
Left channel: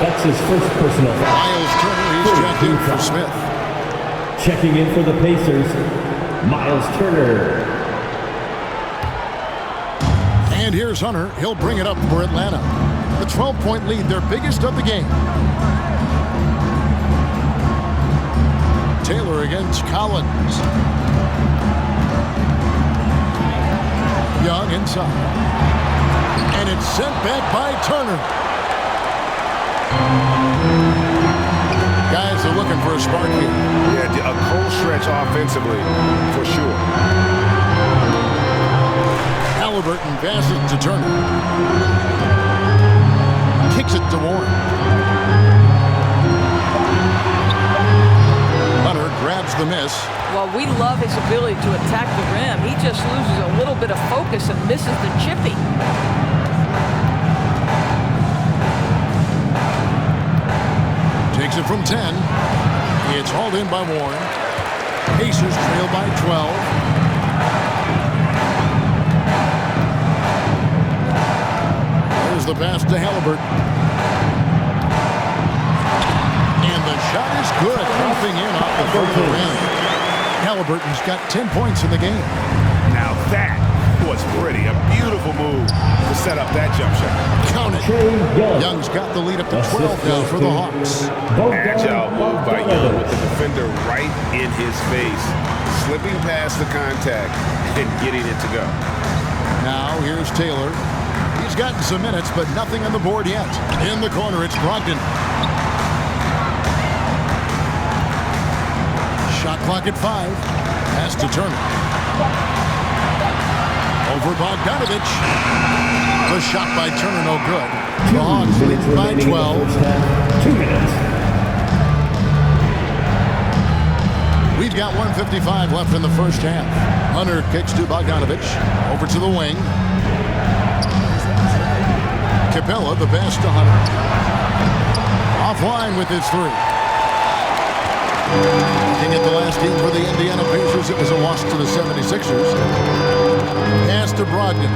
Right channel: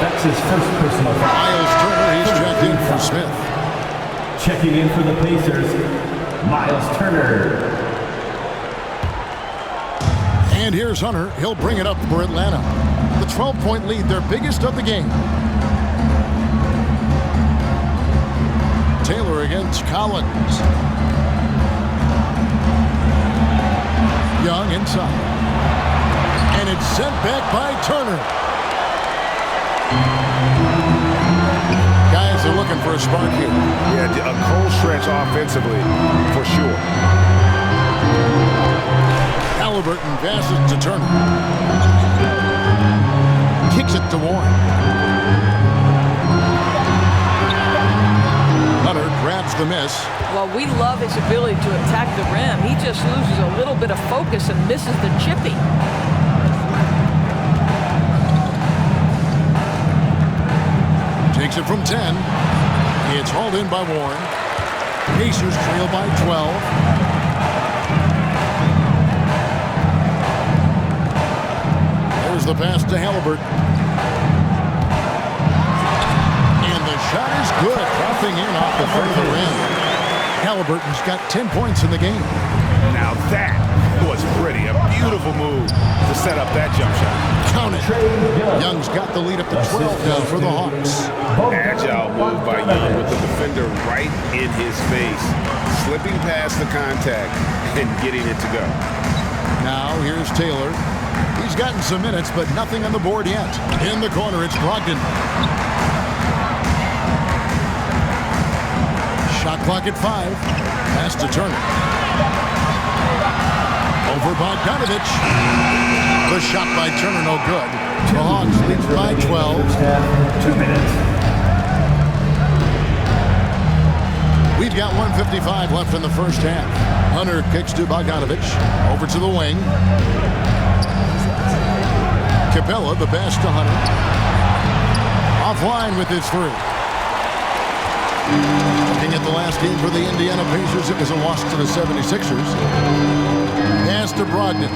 That's his first personal foul. Miles Turner, he's checked in for Smith. Checking in for the Pacers, Miles Turner. And here's Hunter. He'll bring it up for Atlanta. The 12-point lead, their biggest of the game. Taylor against Collins. Young inside. And it's sent back by Turner. Guys are looking for a spark here. Yeah, a cold stretch offensively for sure. Halliburton passes to Turner. Kicks it to Warren. Hunter grabs the miss. Well, we love his ability to attack the rim. He just loses a little bit of focus and misses the chippy. Takes it from 10. It's hauled in by Warren. Pacers trail by 12. There's the pass to Halliburton. And the shot is good, dropping in off the further rim. Halliburton's got 10 points in the game. Now that was pretty. A beautiful move to set up that jump shot. Count it. Young's got the lead up to 12 now for the Hawks. Agile move by Young with the defender right in his face, slipping past the contact and getting it to go. Now here's Taylor. He's gotten some minutes, but nothing on the board yet. In the corner, it's Brogdon. Shot clock at 5. Pass to Turner. Over Bogdanovich. The shot by Turner, no good. The Hawks lead by 12. 2 minutes. We've got 1:55 left in the first half. Hunter kicks to Bogdanovich. Over to the wing. Capella, the pass to Hunter. Offline with his three. Looking at the last game for the Indiana Pacers, it was a loss to the 76ers. Pass to Brogdon.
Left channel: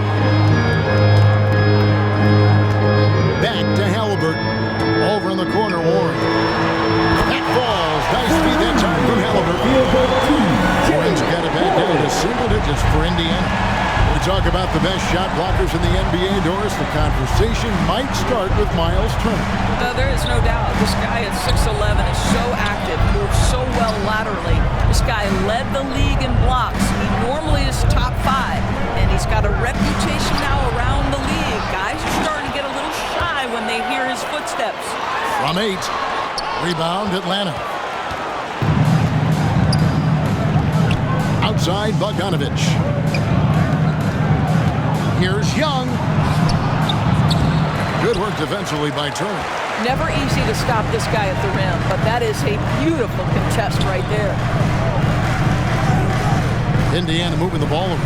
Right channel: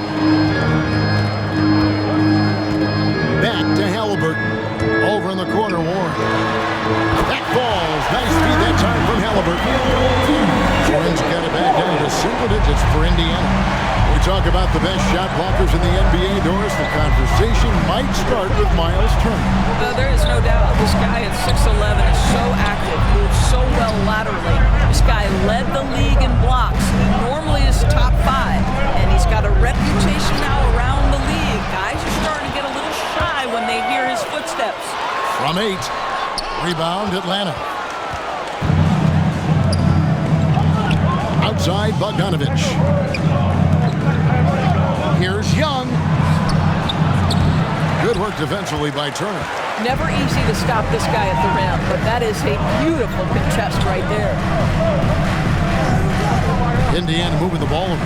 Back to Halliburton. Over in the corner, Warren. That falls. Nice feed that time from Halliburton. Warren's got it back down to single digits for Indiana. We talk about the best shot blockers in the NBA, Doris. The conversation might start with Miles Turner. There is no doubt. This guy at 6'11" is so active, moves so well laterally. This guy led the league in blocks. He normally is top 5, and he's got a reputation now around the league. Guys are starting to get a little shy when they hear his footsteps. From 8, rebound Atlanta. Outside Bogdanovich. Here's Young. Good work defensively by Turner. Never easy to stop this guy at the rim, but that is a beautiful contest right there. Indiana moving the ball around.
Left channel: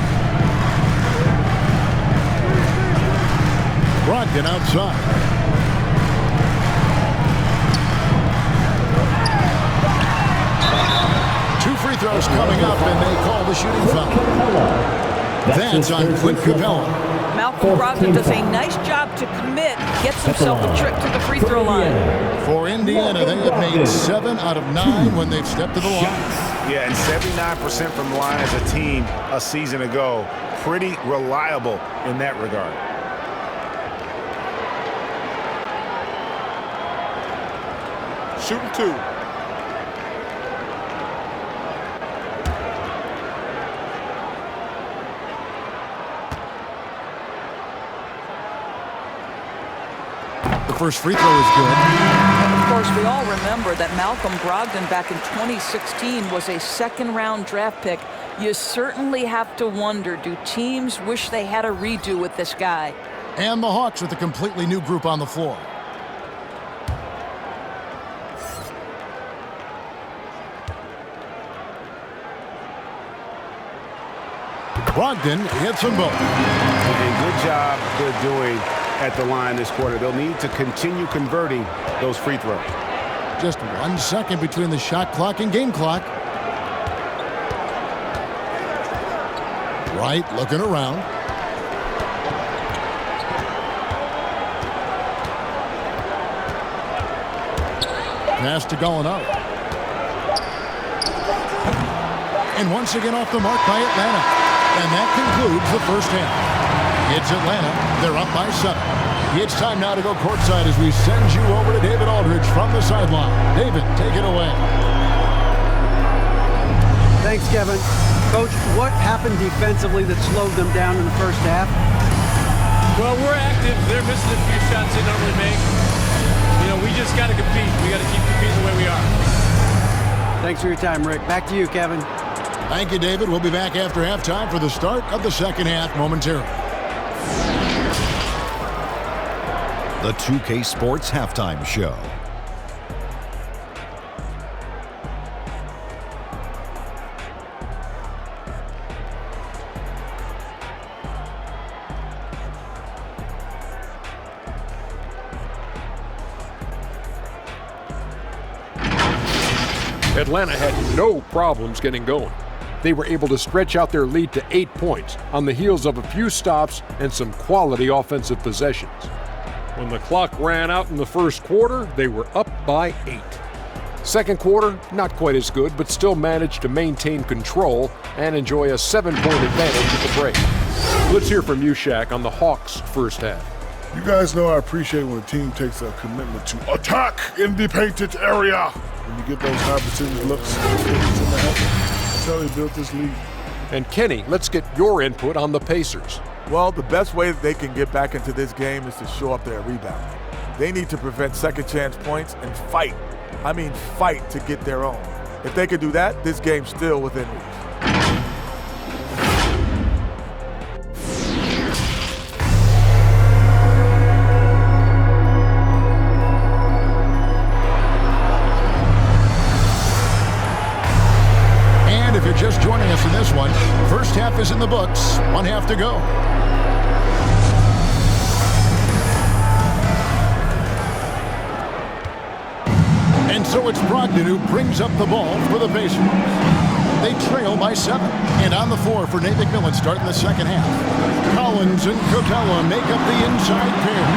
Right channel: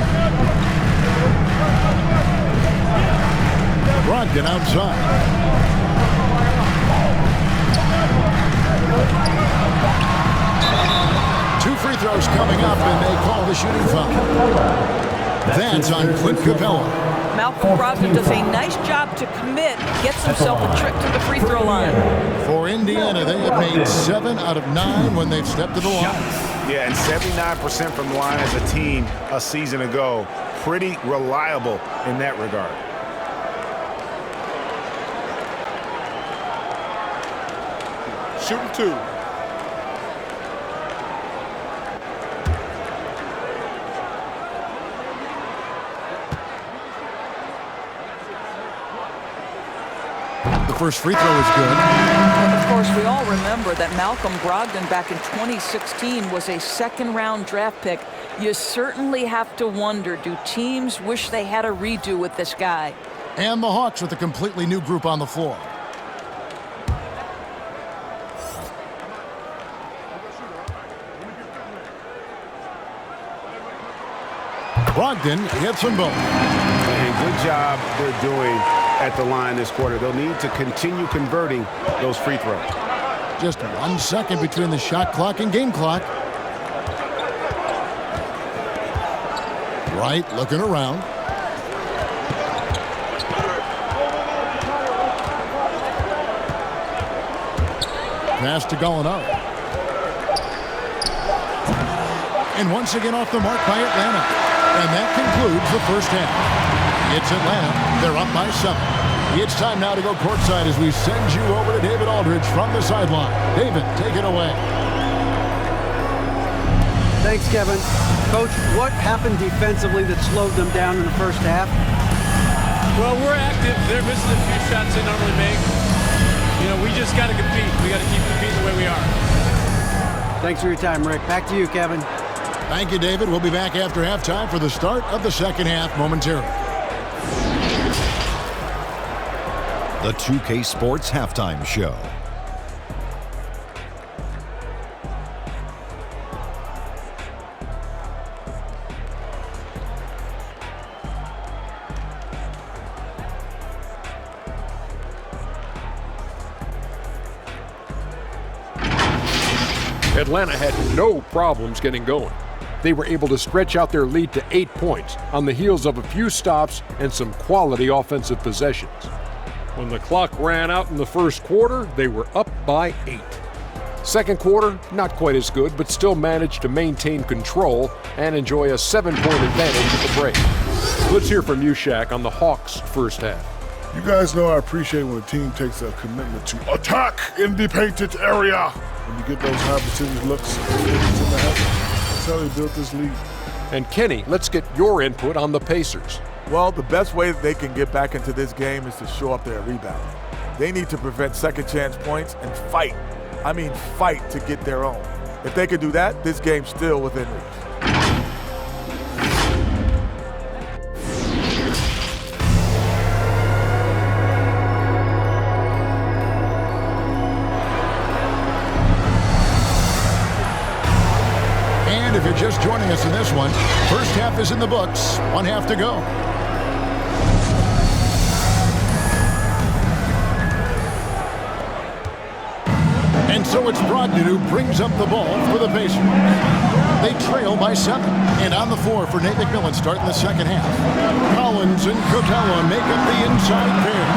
Brogdon outside. Two free throws coming up, and they call the shooting foul. That's on Clint Capella. Malcolm Brogdon does a nice job to commit, gets himself a trip to the free throw line. For Indiana, they have made 7 out of 9 when they've stepped to the line. Yeah, and 79% from the line as a team a season ago. Pretty reliable in that regard. Shooting 2. The first free throw is good. Of course, we all remember that Malcolm Brogdon back in 2016 was a second-round draft pick. You certainly have to wonder, do teams wish they had a redo with this guy? And the Hawks with a completely new group on the floor. Brogdon hits them both. And good job they're doing at the line this quarter. They'll need to continue converting those free throws. Just 1 second between the shot clock and game clock. Wright looking around. Pass to Gallinari. And once again off the mark by Atlanta. And that concludes the first half. It's Atlanta. They're up by 7. It's time now to go courtside as we send you over to David Aldridge from the sideline. David, take it away. Thanks, Kevin. Coach, what happened defensively that slowed them down in the first half? Well, we're active. They're missing a few shots they normally make. You know, we just got to compete. We got to keep competing the way we are. Thanks for your time, Rick. Back to you, Kevin. Thank you, David. We'll be back after halftime for the start of the second half momentarily. The 2K Sports Halftime Show. Atlanta had no problems getting going. They were able to stretch out their lead to 8 points on the heels of a few stops and some quality offensive possessions. When the clock ran out in the first quarter, they were up by 8. Second quarter, not quite as good, but still managed to maintain control and enjoy a 7-point advantage at the break. Let's hear from you, Shaq, on the Hawks' first half. You guys know I appreciate when a team takes a commitment to attack in the painted area. When you get those high percentage looks, that's how they built this league. And Kenny, let's get your input on the Pacers. Well, the best way that they can get back into this game is to show up their rebounding. They need to prevent second chance points and fight. I mean fight to get their own. If they can do that, this game's still within reach. And if you're just joining us in this one, first half is in the books. 1 half to go. And so it's Brogdon who brings up the ball for the Pacers. They trail by 7. And on the floor for Nate McMillan starting the second half. Collins and Capella make up the inside pair.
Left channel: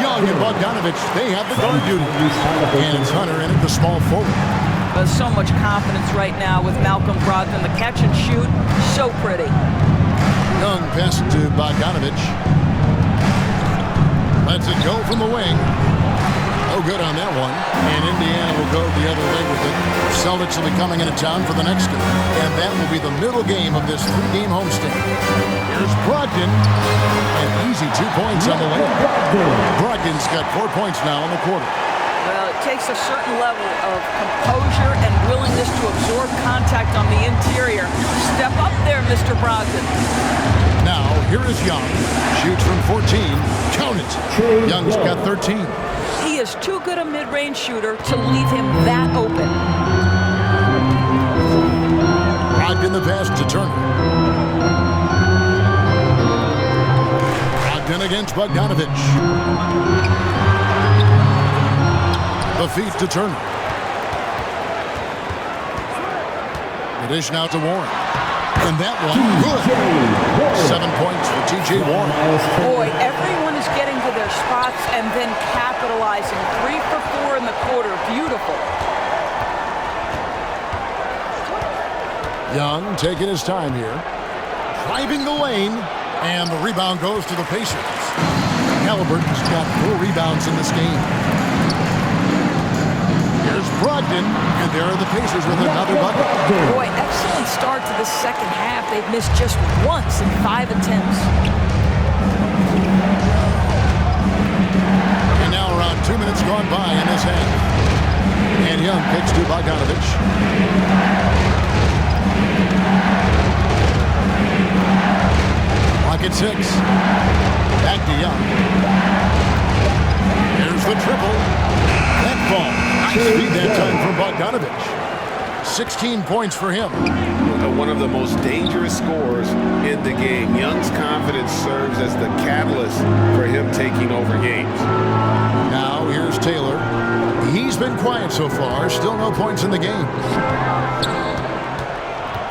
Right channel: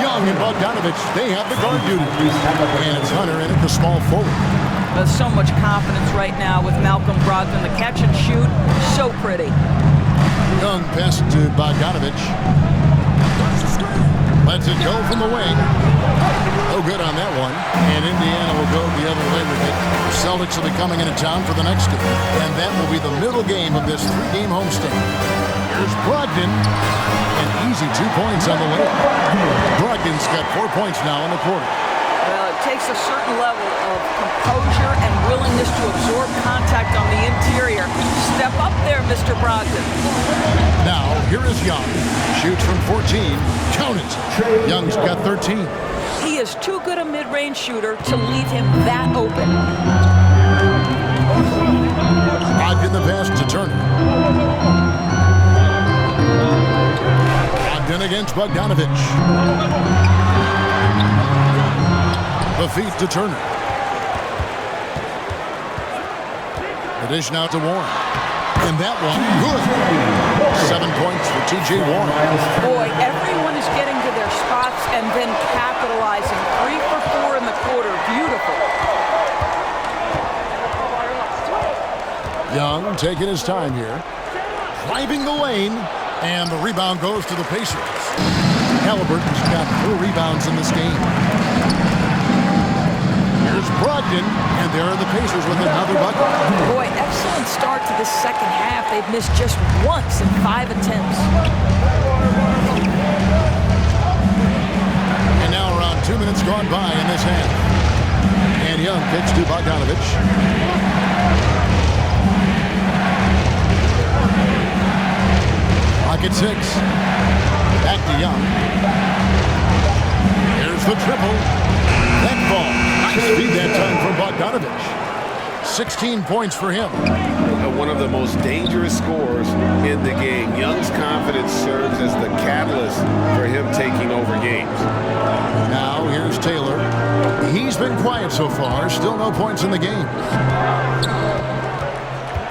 Young and Bogdanovich, they have the guard duty. And it's Hunter in at the small forward. There's so much confidence right now with Malcolm Brogdon. The catch and shoot, so pretty. Young pass to Bogdanovich. Lets it go from the wing. No good on that one. And Indiana will go the other way with it. Celtics will be coming into town for the next game. And that will be the middle game of this 3-game homestand. Here's Brogdon. An easy 2 points on the way. Brogdon's got 4 points now in the quarter. Well, it takes a certain level of composure and willingness to absorb contact on the interior. Step up there, Mr. Brogdon. Now, here is Young. Shoots from 14. Count it. Young's got 13. He is too good a mid-range shooter to leave him that open. Brogdon the pass to Turner. Brogdon against Bogdanovich. The feed to Turner. The dish now to Warren. And that one, good. 7 points for T.J. Warren. Boy, everyone is getting to their spots and then capitalizing. 3 for 4 in the quarter. Beautiful. Young taking his time here. Driving the lane. And the rebound goes to the Pacers. Halliburton's got 4 rebounds in this game. Here's Brogdon, and there are the Pacers with another bucket. Boy, excellent start to the second half. They've missed just once in 5 attempts. And now around 2 minutes gone by in this half. And Young kicks to Bogdanovich. Clock at 6. Back to Young. There's the triple. That ball. Nice feed that time from Bogdanovich. 16 points for him. One of the most dangerous scorers in the game. Young's confidence serves as the catalyst for him taking over games. Now here's Taylor. He's been quiet so far. Still no points in the game.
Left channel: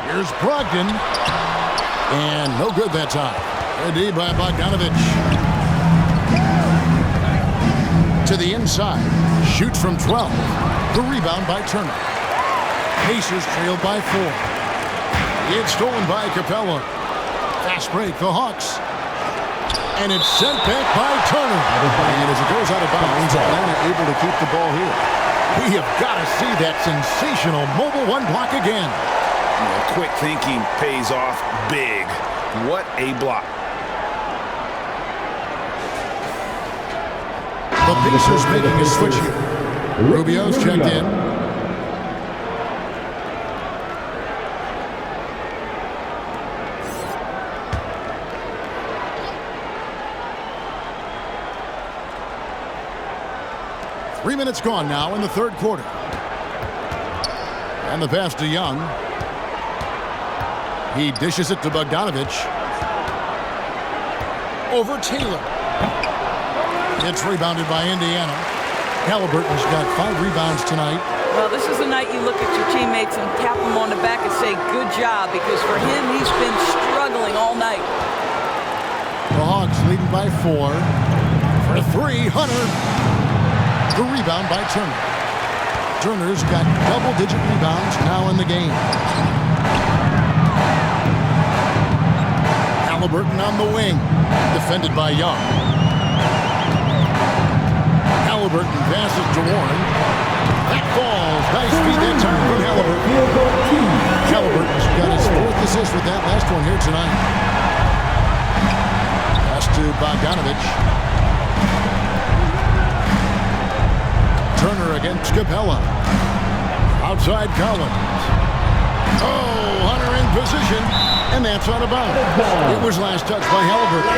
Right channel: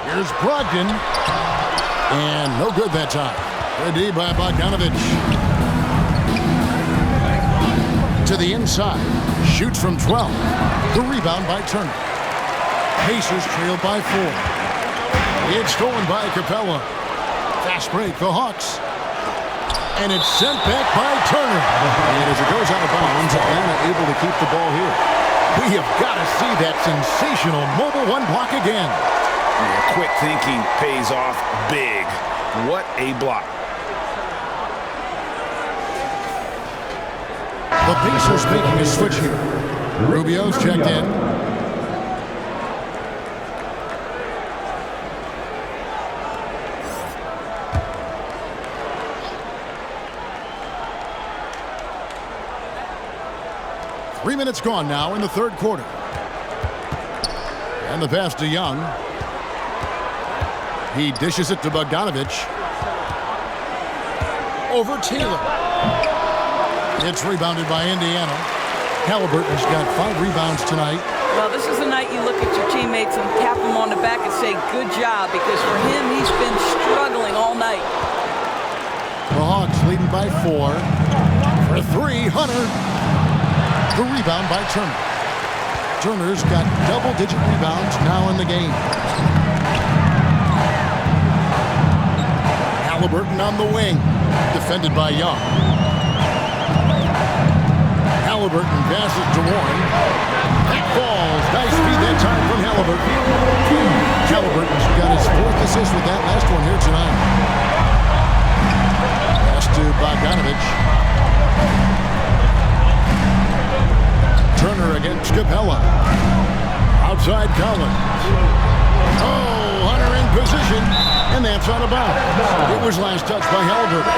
Here's Brogdon. And no good that time. Good D by Bogdanovich. To the inside. Shoots from 12. The rebound by Turner. Pacers trail by 4. It's stolen by Capella. Fast break, the Hawks. And it's sent back by Turner. And as it goes out of bounds, Atlanta able to keep the ball here. We have got to see that sensational mobile 1 block again. Yeah, quick thinking pays off big. What a block. The Pacers making a switch here. Rubio's checked in. Three minutes gone now in the third quarter. And the pass to Young. He dishes it to Bogdanovich. Over Taylor. It's rebounded by Indiana. Halliburton's got 5 rebounds tonight. Well, this is the night you look at your teammates and tap them on the back and say, good job, because for him, he's been struggling all night. The Hawks leading by 4. For 3, Hunter. The rebound by Turner. Turner's got double-digit rebounds now in the game. Halliburton on the wing. Defended by Young. Halliburton passes to Warren. That falls. Nice feed that time from Halliburton. Halliburton's got his 4th assist with that last one here tonight. Pass to Bogdanovich. Turner against Capella. Outside Collins. Oh, Hunter in position. And that's out of bounds. It was last touched by Halliburton.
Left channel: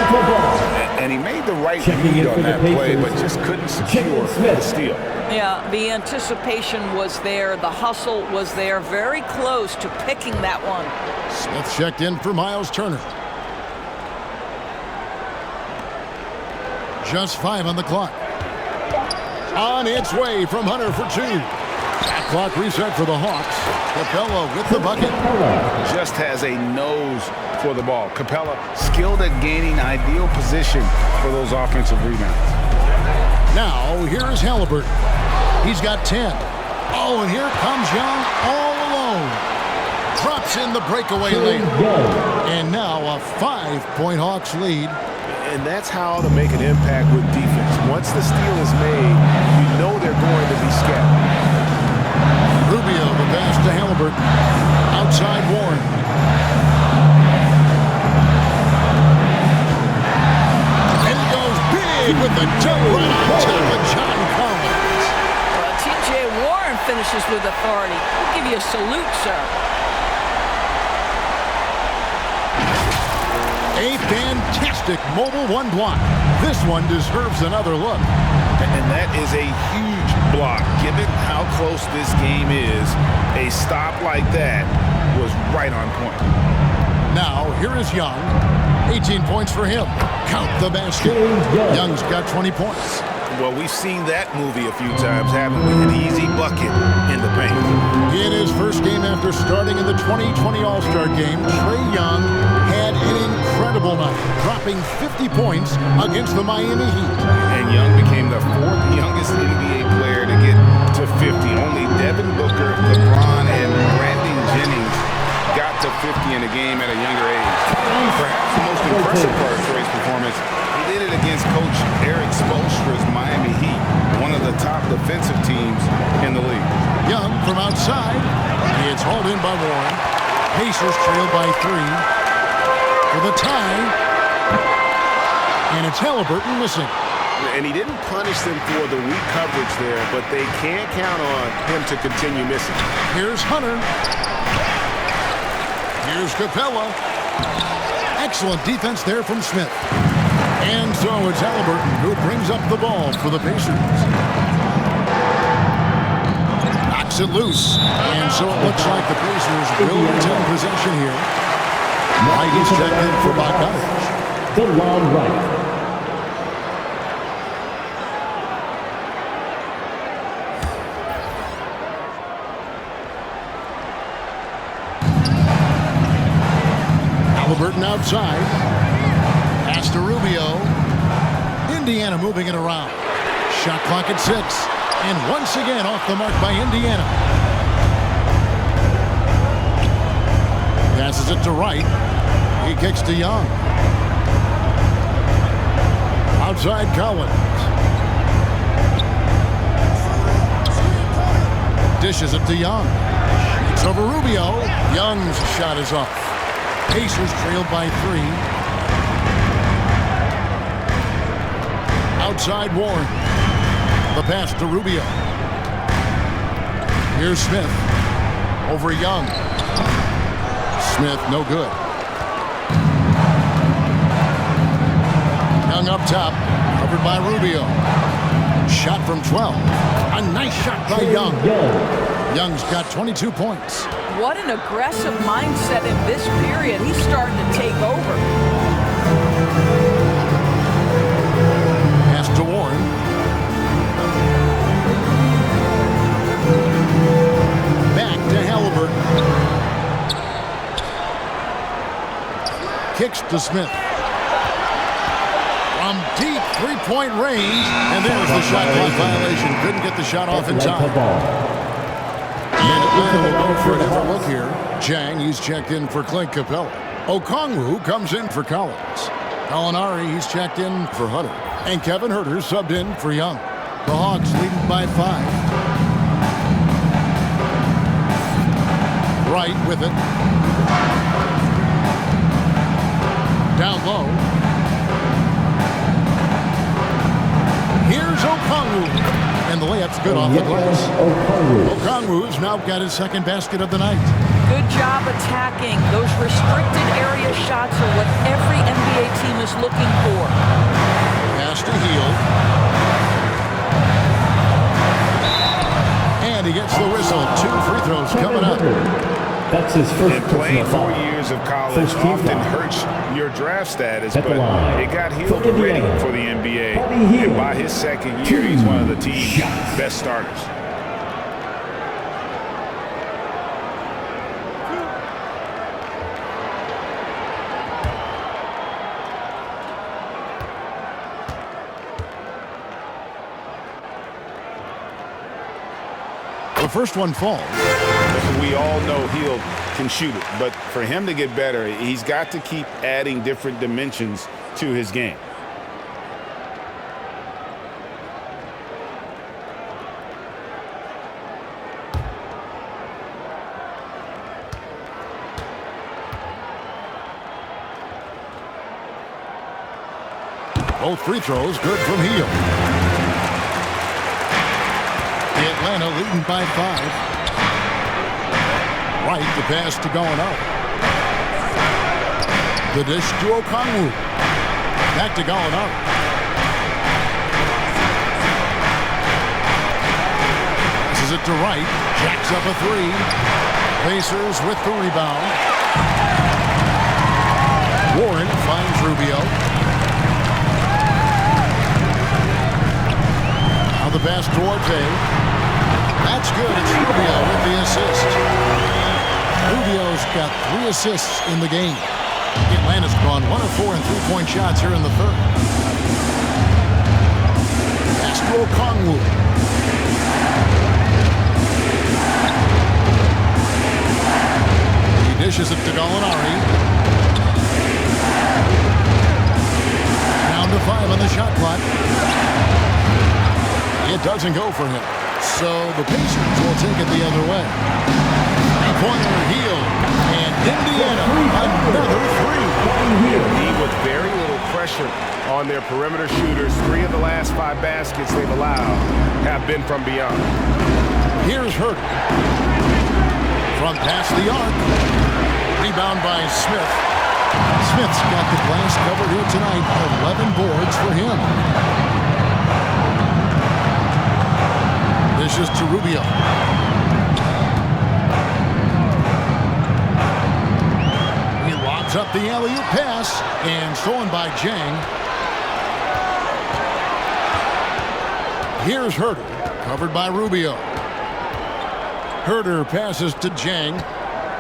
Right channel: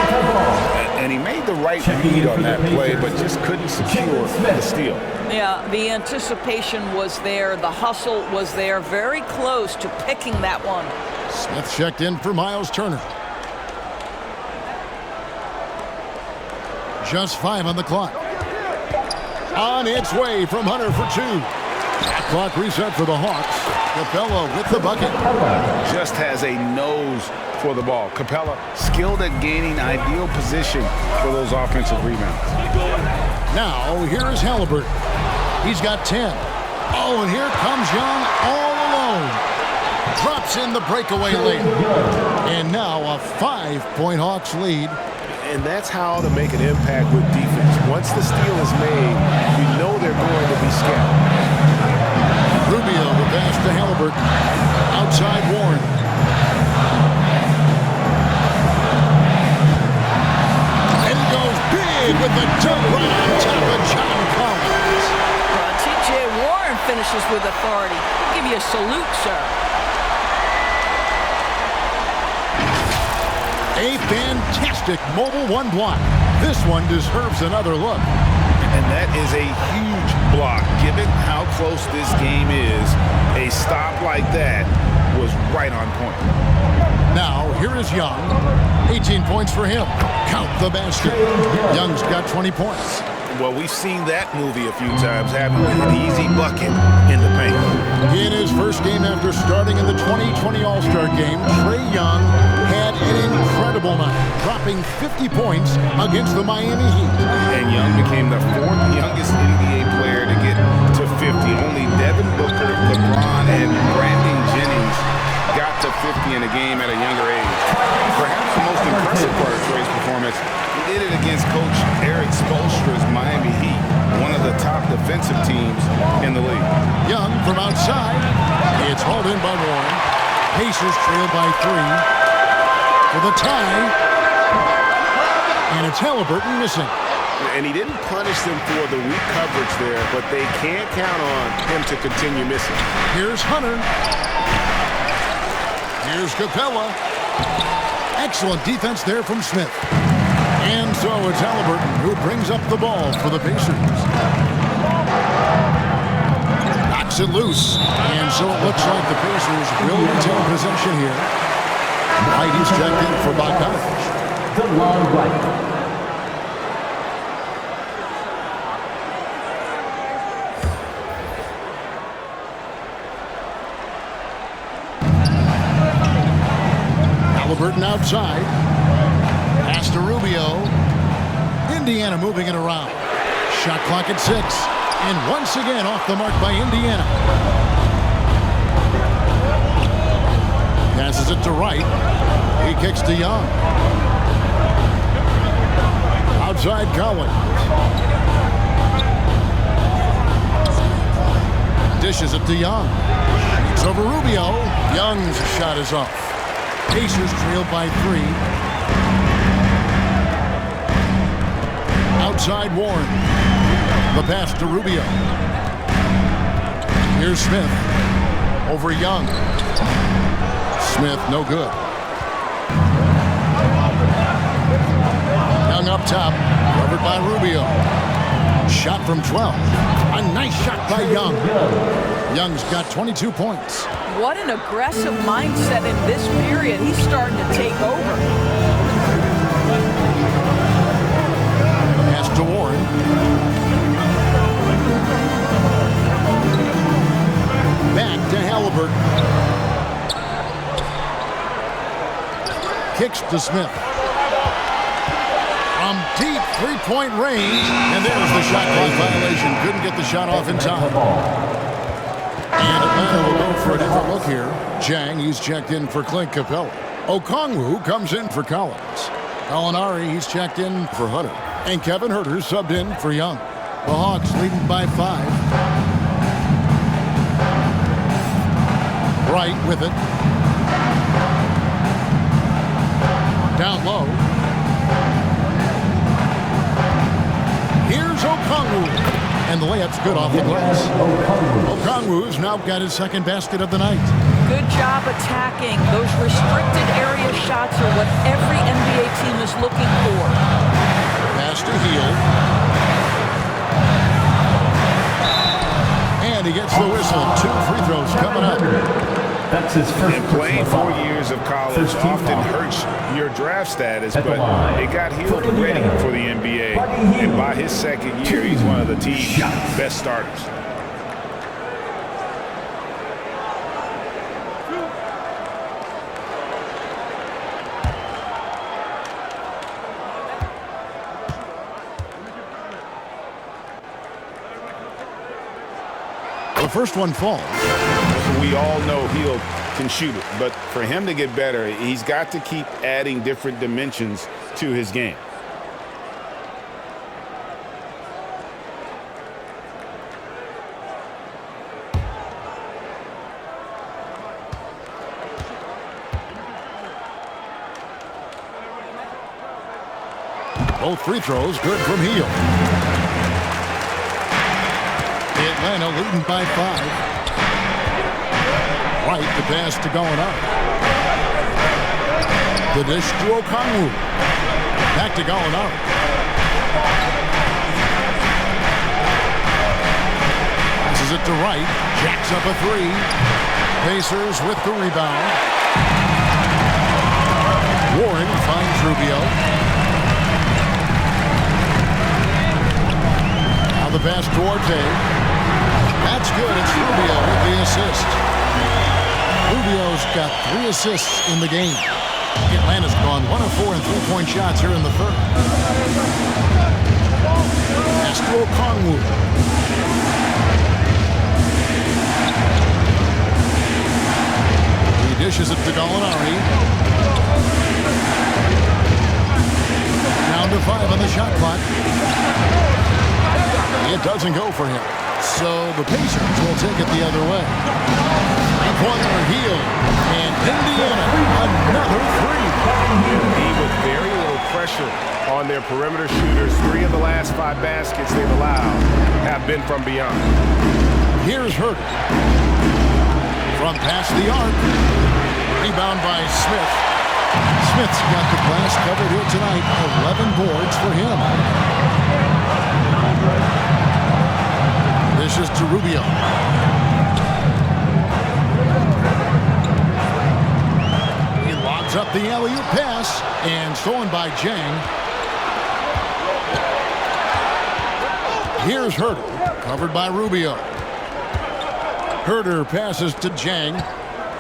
And he made the right read on that play, but just couldn't secure the steal. Yeah, the anticipation was there. The hustle was there. Very close to picking that one. Smith checked in for Miles Turner. Just 5 on the clock. On its way from Hunter for 2. clock reset for the Hawks. Capella with the bucket. Just has a nose for the ball. Capella skilled at gaining ideal position for those offensive rebounds. Now, here is Halliburton. He's got 10. Oh, and here comes Young all alone. Drops in the breakaway layup. And now a 5-point Hawks lead. And that's how to make an impact with defense. Once the steal is made, you know they're going to be scattered. Rubio, the pass to Halliburton. Outside Warren. And he goes big with the dunk right on top of John Collins. Well, T.J. Warren finishes with authority. We'll give you a salute, sir. A fantastic mobile one block. This one deserves another look. And that is a huge block. Given how close this game is, a stop like that was right on point. Now, here is Young. 18 points for him. Count the basket. Young's got 20 points. Well, we've seen that movie a few times, haven't we? An easy bucket in the paint. In his first game after starting in the 2020 All-Star Game, Trae Young had an incredible night, dropping 50 points against the Miami Heat. And Young became the 4th youngest NBA player to get to 50. Only Devin Booker, LeBron, and Brandon Jennings got to 50 in a game at a younger age. Perhaps the most impressive part of Trae's performance, he did it against Coach Eric Spoelstra's Miami Heat, one of the top defensive teams in the league. Young from outside. It's hauled in by Warren. Pacers trailed by 3 for the tie. And it's Halliburton missing. And he didn't punish them for the weak coverage there, but they can't count on him to continue missing. Here's Hunter. Here's Capella. Excellent defense there from Smith. And so it's Halliburton who brings up the ball for the Pacers. Knocks it loose. And so it looks like the Pacers will retain possession here. Wright is checked in for Bogdanovich. DeLon Wright. Halliburton outside. Pass to Rubio. Indiana moving it around. Shot clock at 6. And once again off the mark by Indiana. Passes it to Wright. He kicks to Young. Outside Collins. Dishes it to Young. Shoots over Rubio. Young's shot is off. Pacers trailed by 3. Outside Warren. The pass to Rubio. Here's Smith. Over Young. Smith, no good. Young up top. Covered by Rubio. Shot from 12. A nice shot by Young. Young's got 22 points. What an aggressive mindset in this period. He's starting to take over. Pass to Warren. Back to Halliburton. Kicks to Smith. From deep three-point range. And there's the shot clock violation. Couldn't get the shot off in time. And Atlanta will go for a different look here. Jang, he's checked in for Clint Capella. Okongwu comes in for Collins. Gallinari, he's checked in for Hunter. And Kevin Huerter subbed in for Young. The Hawks leading by 5. Wright with it. Down low. Here's Okongwu. And the layup's good off the glass. Okongwu's now got his second basket of the night. Good job attacking. Those restricted area shots are what every NBA team is looking for. Pass to Hield. And he gets the whistle. 2 free throws coming up. That's his first. And playing 4 years of college often hurts your draft status, but it got Hield ready for the NBA. And by his second year, he's one of the team's best starters. first one falls. We all know Hield can shoot it, but for him to get better, he's got to keep adding different dimensions to his game. Both free throws good from Hield. Atlanta leading by 5. Right, the pass to Gallinari. The dish to Okongwu. Back to Gallinari. Passes it to Wright. Jacks up a 3. Pacers with the rebound. Warren finds Rubio. Now the pass to Orte. That's good. It's Rubio with the assist. Rubio's got 3 assists in the game. Atlanta's gone 1 of 4 in three-point shots here in the third. Pass to Okongwu. He dishes it to Gallinari. Down to 5 on the shot clock. It doesn't go for him. So the Pacers will take it the other way. Three-pointer Hield. And Indiana, another 3. Indeed, with very little pressure on their perimeter shooters. 3 of the last 5 baskets they've allowed have been from beyond. Here's Herter. From past the arc. Rebound by Smith. Smith's got the glass covered here tonight. 11 boards for him. Dishes to Rubio. He lobs up the alley-oop pass and stolen by Jang. Here's Herter, covered by Rubio. Herter passes to Jang.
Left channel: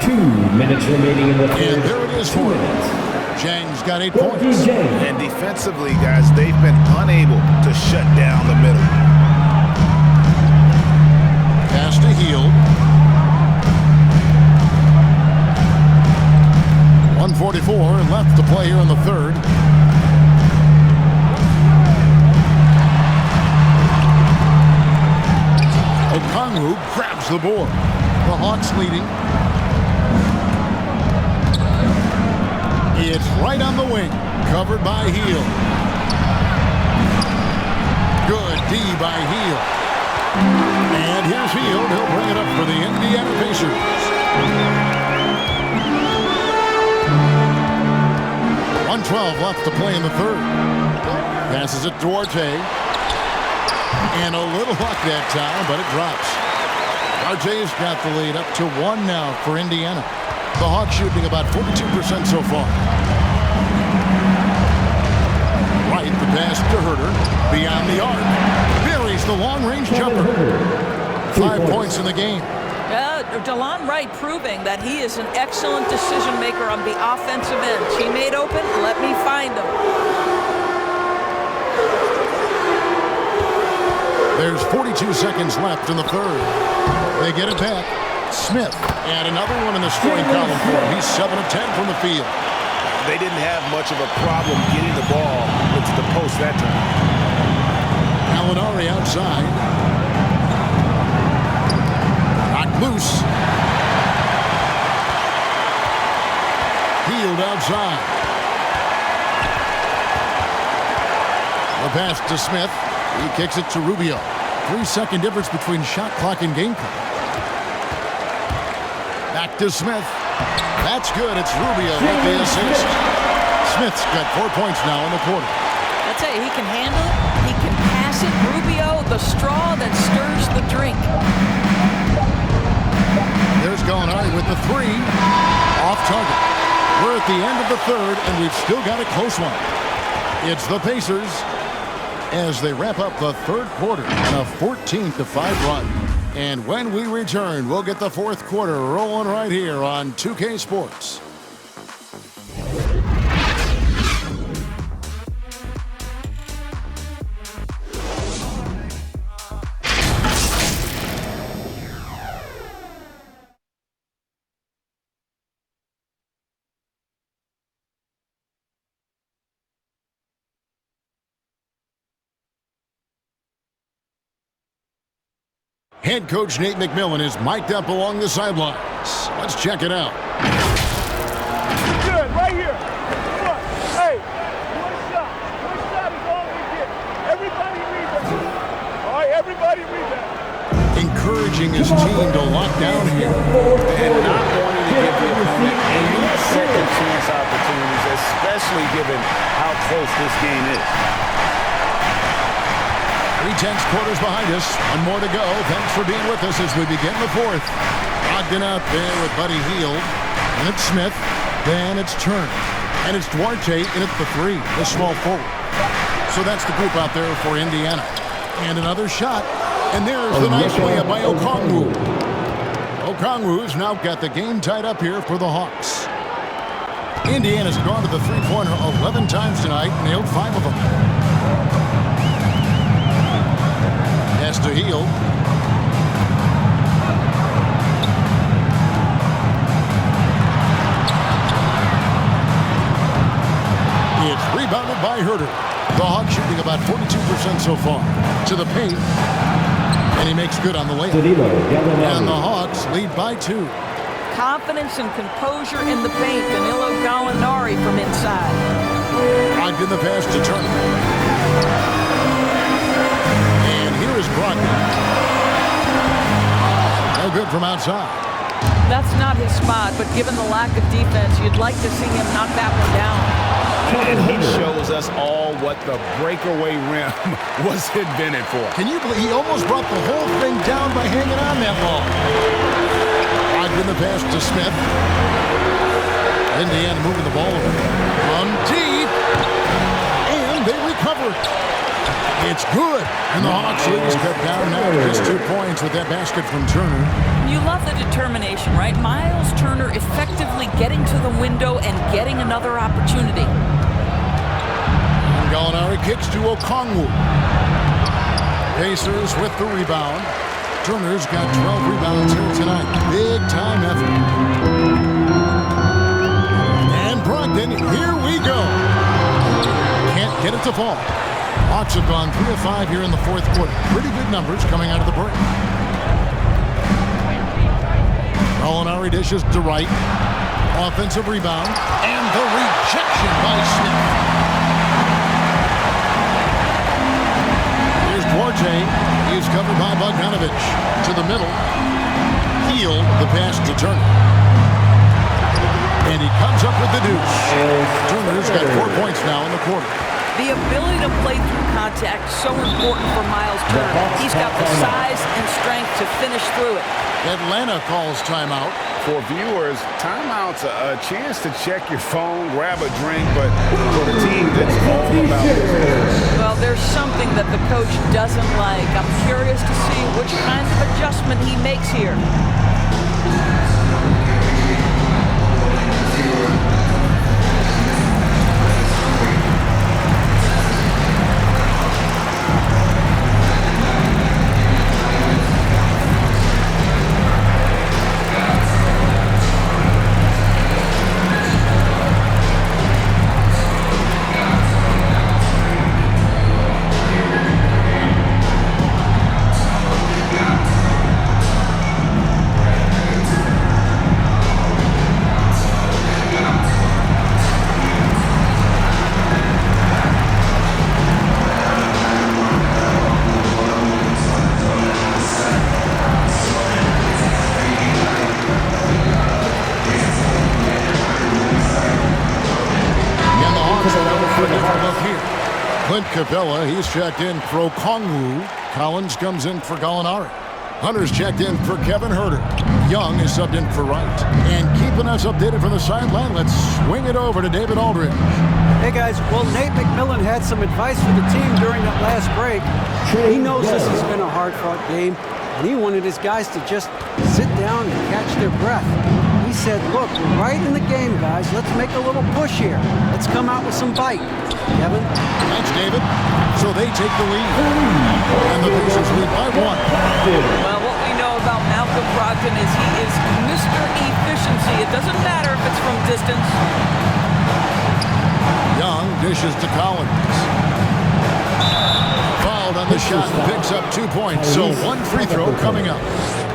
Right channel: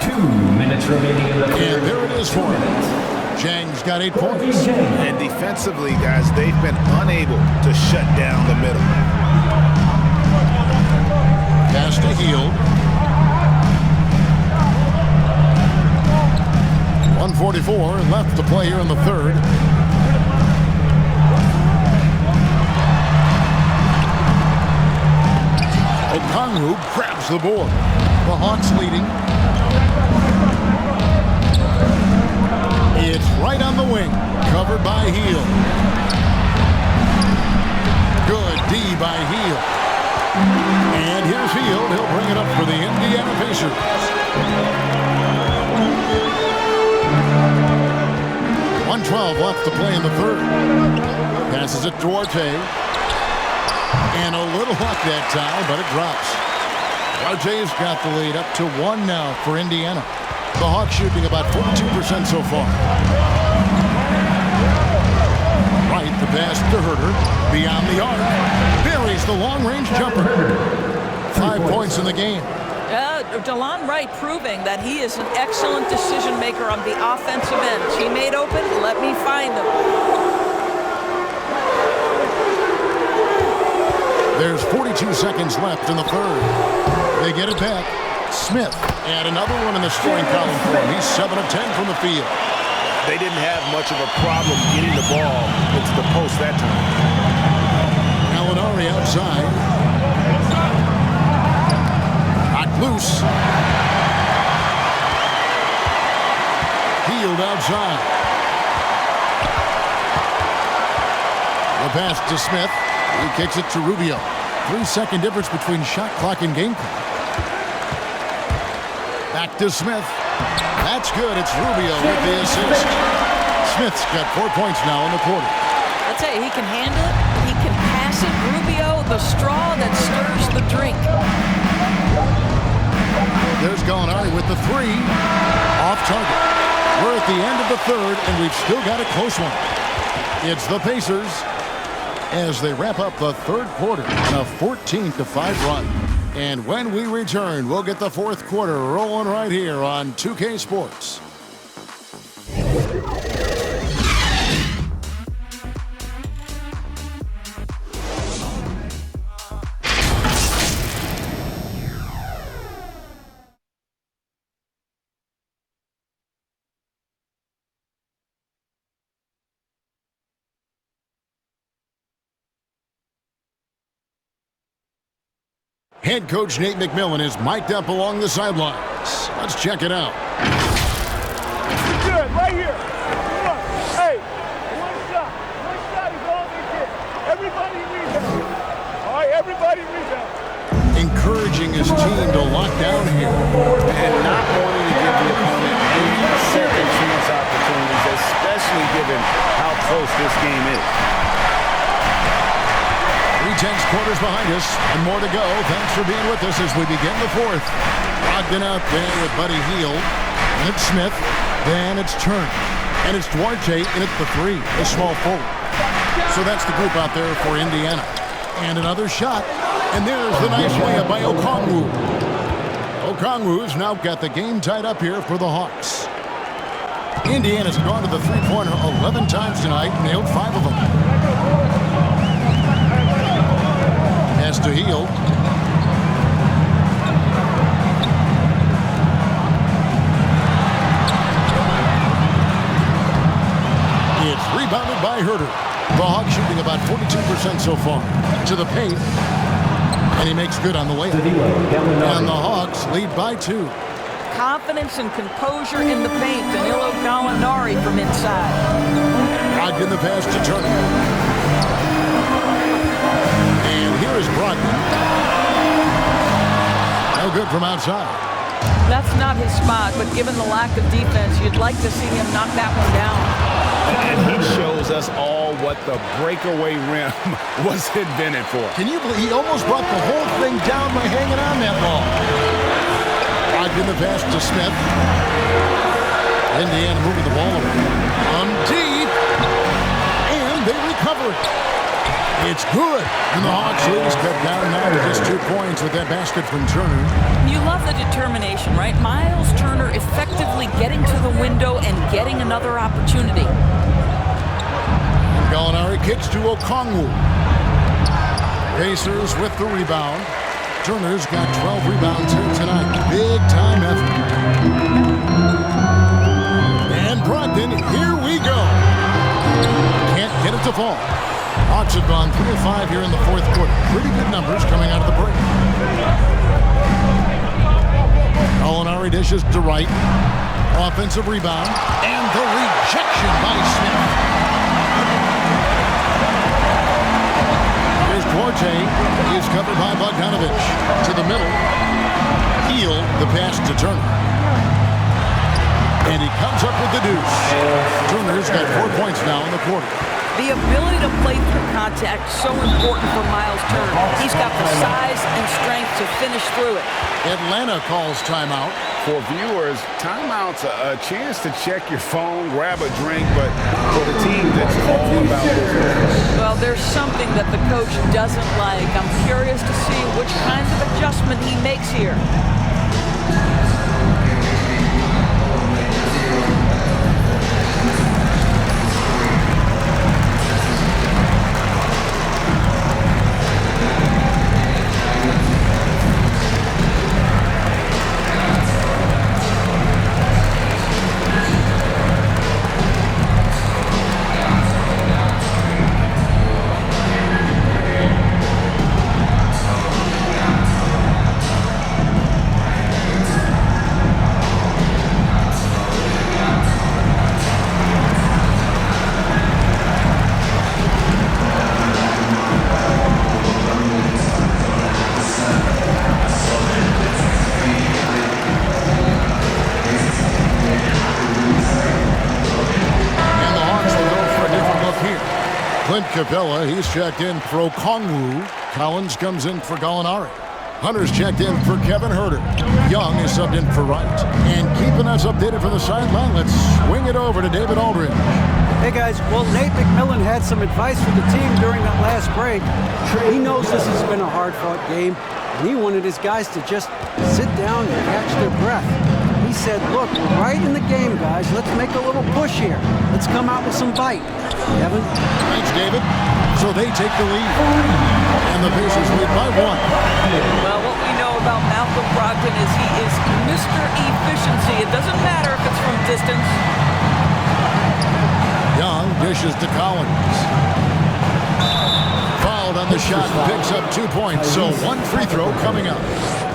2 minutes remaining in the third. And there it is for him. Jang's got 8 points. And defensively, guys, they've been unable to shut down the middle. Pass to Hield. 1:44 left to play here in the third. Okongwu grabs the board. The Hawks leading. It's right on the wing. Covered by Hield. Good D by Hield. And here's Hield. He'll bring it up for the Indiana Pacers. .112 left to play in the third. Passes it to Orte. And a little luck that time, but it drops. Orte's got the lead up to 1 now for Indiana. The Hawks shooting about 42% so far. Right, the pass to Herter. Beyond the arc. Buries the long-range jumper. 5 points in the game. DeLon Wright proving that he is an excellent decision maker on the offensive end. Teammate open, let me find him. There's 42 seconds left in the third. They get it back. Smith, and another one in the scoring column for him. He's 7 of 10 from the field. They didn't have much of a problem getting the ball into the post that time. Gallinari outside. Knocked loose. Hield outside. The pass to Smith. He kicks it to Rubio. 3-second difference between shot clock and game clock. Back to Smith. That's good. It's Rubio with the assist. Smith's got 4 points now in the quarter. I'll tell you, he can handle it. He can pass it. Rubio, the straw that stirs the drink. There's Gallinari with the 3. Off target. We're at the end of the third, and we've still got a close one. It's the Pacers as they wrap up the third quarter in a 14-5 run. And when we return, we'll get the fourth quarter rolling right here on 2K Sports. Head coach Nate McMillan is mic'd up along the sidelines. Let's check it out. Good, right here. Come on. Hey, one shot. One shot is all they get. Everybody rebound. All right, everybody rebound. Encouraging his team to lock down here. And not wanting to give the opponent any second chance opportunities, especially given how close this game is. 3/10 quarters behind us. One more to go. Thanks for being with us as we begin the fourth. Brogdon out there with Buddy Hield. And it's Smith. Then it's Turner. And it's Duarte in at the 3, the small forward. So that's the group out there for Indiana. And another shot. And there's the nice layup by Okongwu. Okongwu's now got the game tied up here for the Hawks. Indiana's gone to the three-pointer 11 times tonight, nailed 5 of them. Pass to Hield. It's rebounded by Herter. The Hawks shooting about 42% so far. To the paint. And he makes good on the layup. And the Hawks lead by 2. Confidence and composure in the paint. Danilo Gallinari from inside. Brogdon the pass to Turner. And here is Brogdon. No good from outside. That's not his spot, but given the lack of defense, you'd like to see him knock that one down. And he shows us all what the breakaway rim was invented for. Can you believe he almost brought the whole thing down by hanging on that long? Brogdon the pass to Smith. Indiana moving the ball over. From deep. And they recover it. It's good. And the Hawks leads cut down now to just 2 points with that basket from Turner. You love the determination, right? Miles Turner effectively getting to the window and getting another opportunity. And Gallinari kicks to Okongwu. Pacers with the rebound. Turner's got 12 rebounds here tonight. Big time effort. And Brogdon, here we go. Can't get it to fall. Hawks have gone 3 of 5 here in the fourth quarter. Pretty good numbers coming out of the break. Gallinari dishes to Wright. Offensive rebound. And the rejection by Smith. Here's Duarte. He's covered by Bogdanovich. To the middle. Hield the pass to Turner. And he comes up with the deuce. Turner's got 4 points now in the quarter. The ability to play through contact so important for Miles Turner. He's got the size and strength to finish through it. Atlanta calls timeout. For viewers, timeout's a chance to check your phone, grab a drink, but for the team, that's all about business. Well, there's something that the coach doesn't like. I'm curious to see which kind of adjustment he makes here. Clint Capella, he's checked in for Okongwu. Collins comes in for Gallinari. Hunter's checked in for Kevin Herter. Young is subbed in for Wright. And keeping us updated from the sideline, let's swing it over to David Aldridge. Hey guys, well, Nate McMillan had some advice for the team during that last break. He knows this has been a hard-fought game, and he wanted his guys to just sit down and catch their breath. He said, look, we're right in the game, guys. Let's make a little push here. Let's come out with some bite. Kevin? Thanks, David. So they take the lead. And the Pacers lead by 1. Well, what we know about Malcolm Brogdon is he is Mr. Efficiency. It doesn't matter if it's from distance. Young dishes to Collins. Foul fouled on the shot and picks up 2 points. So one free throw coming up.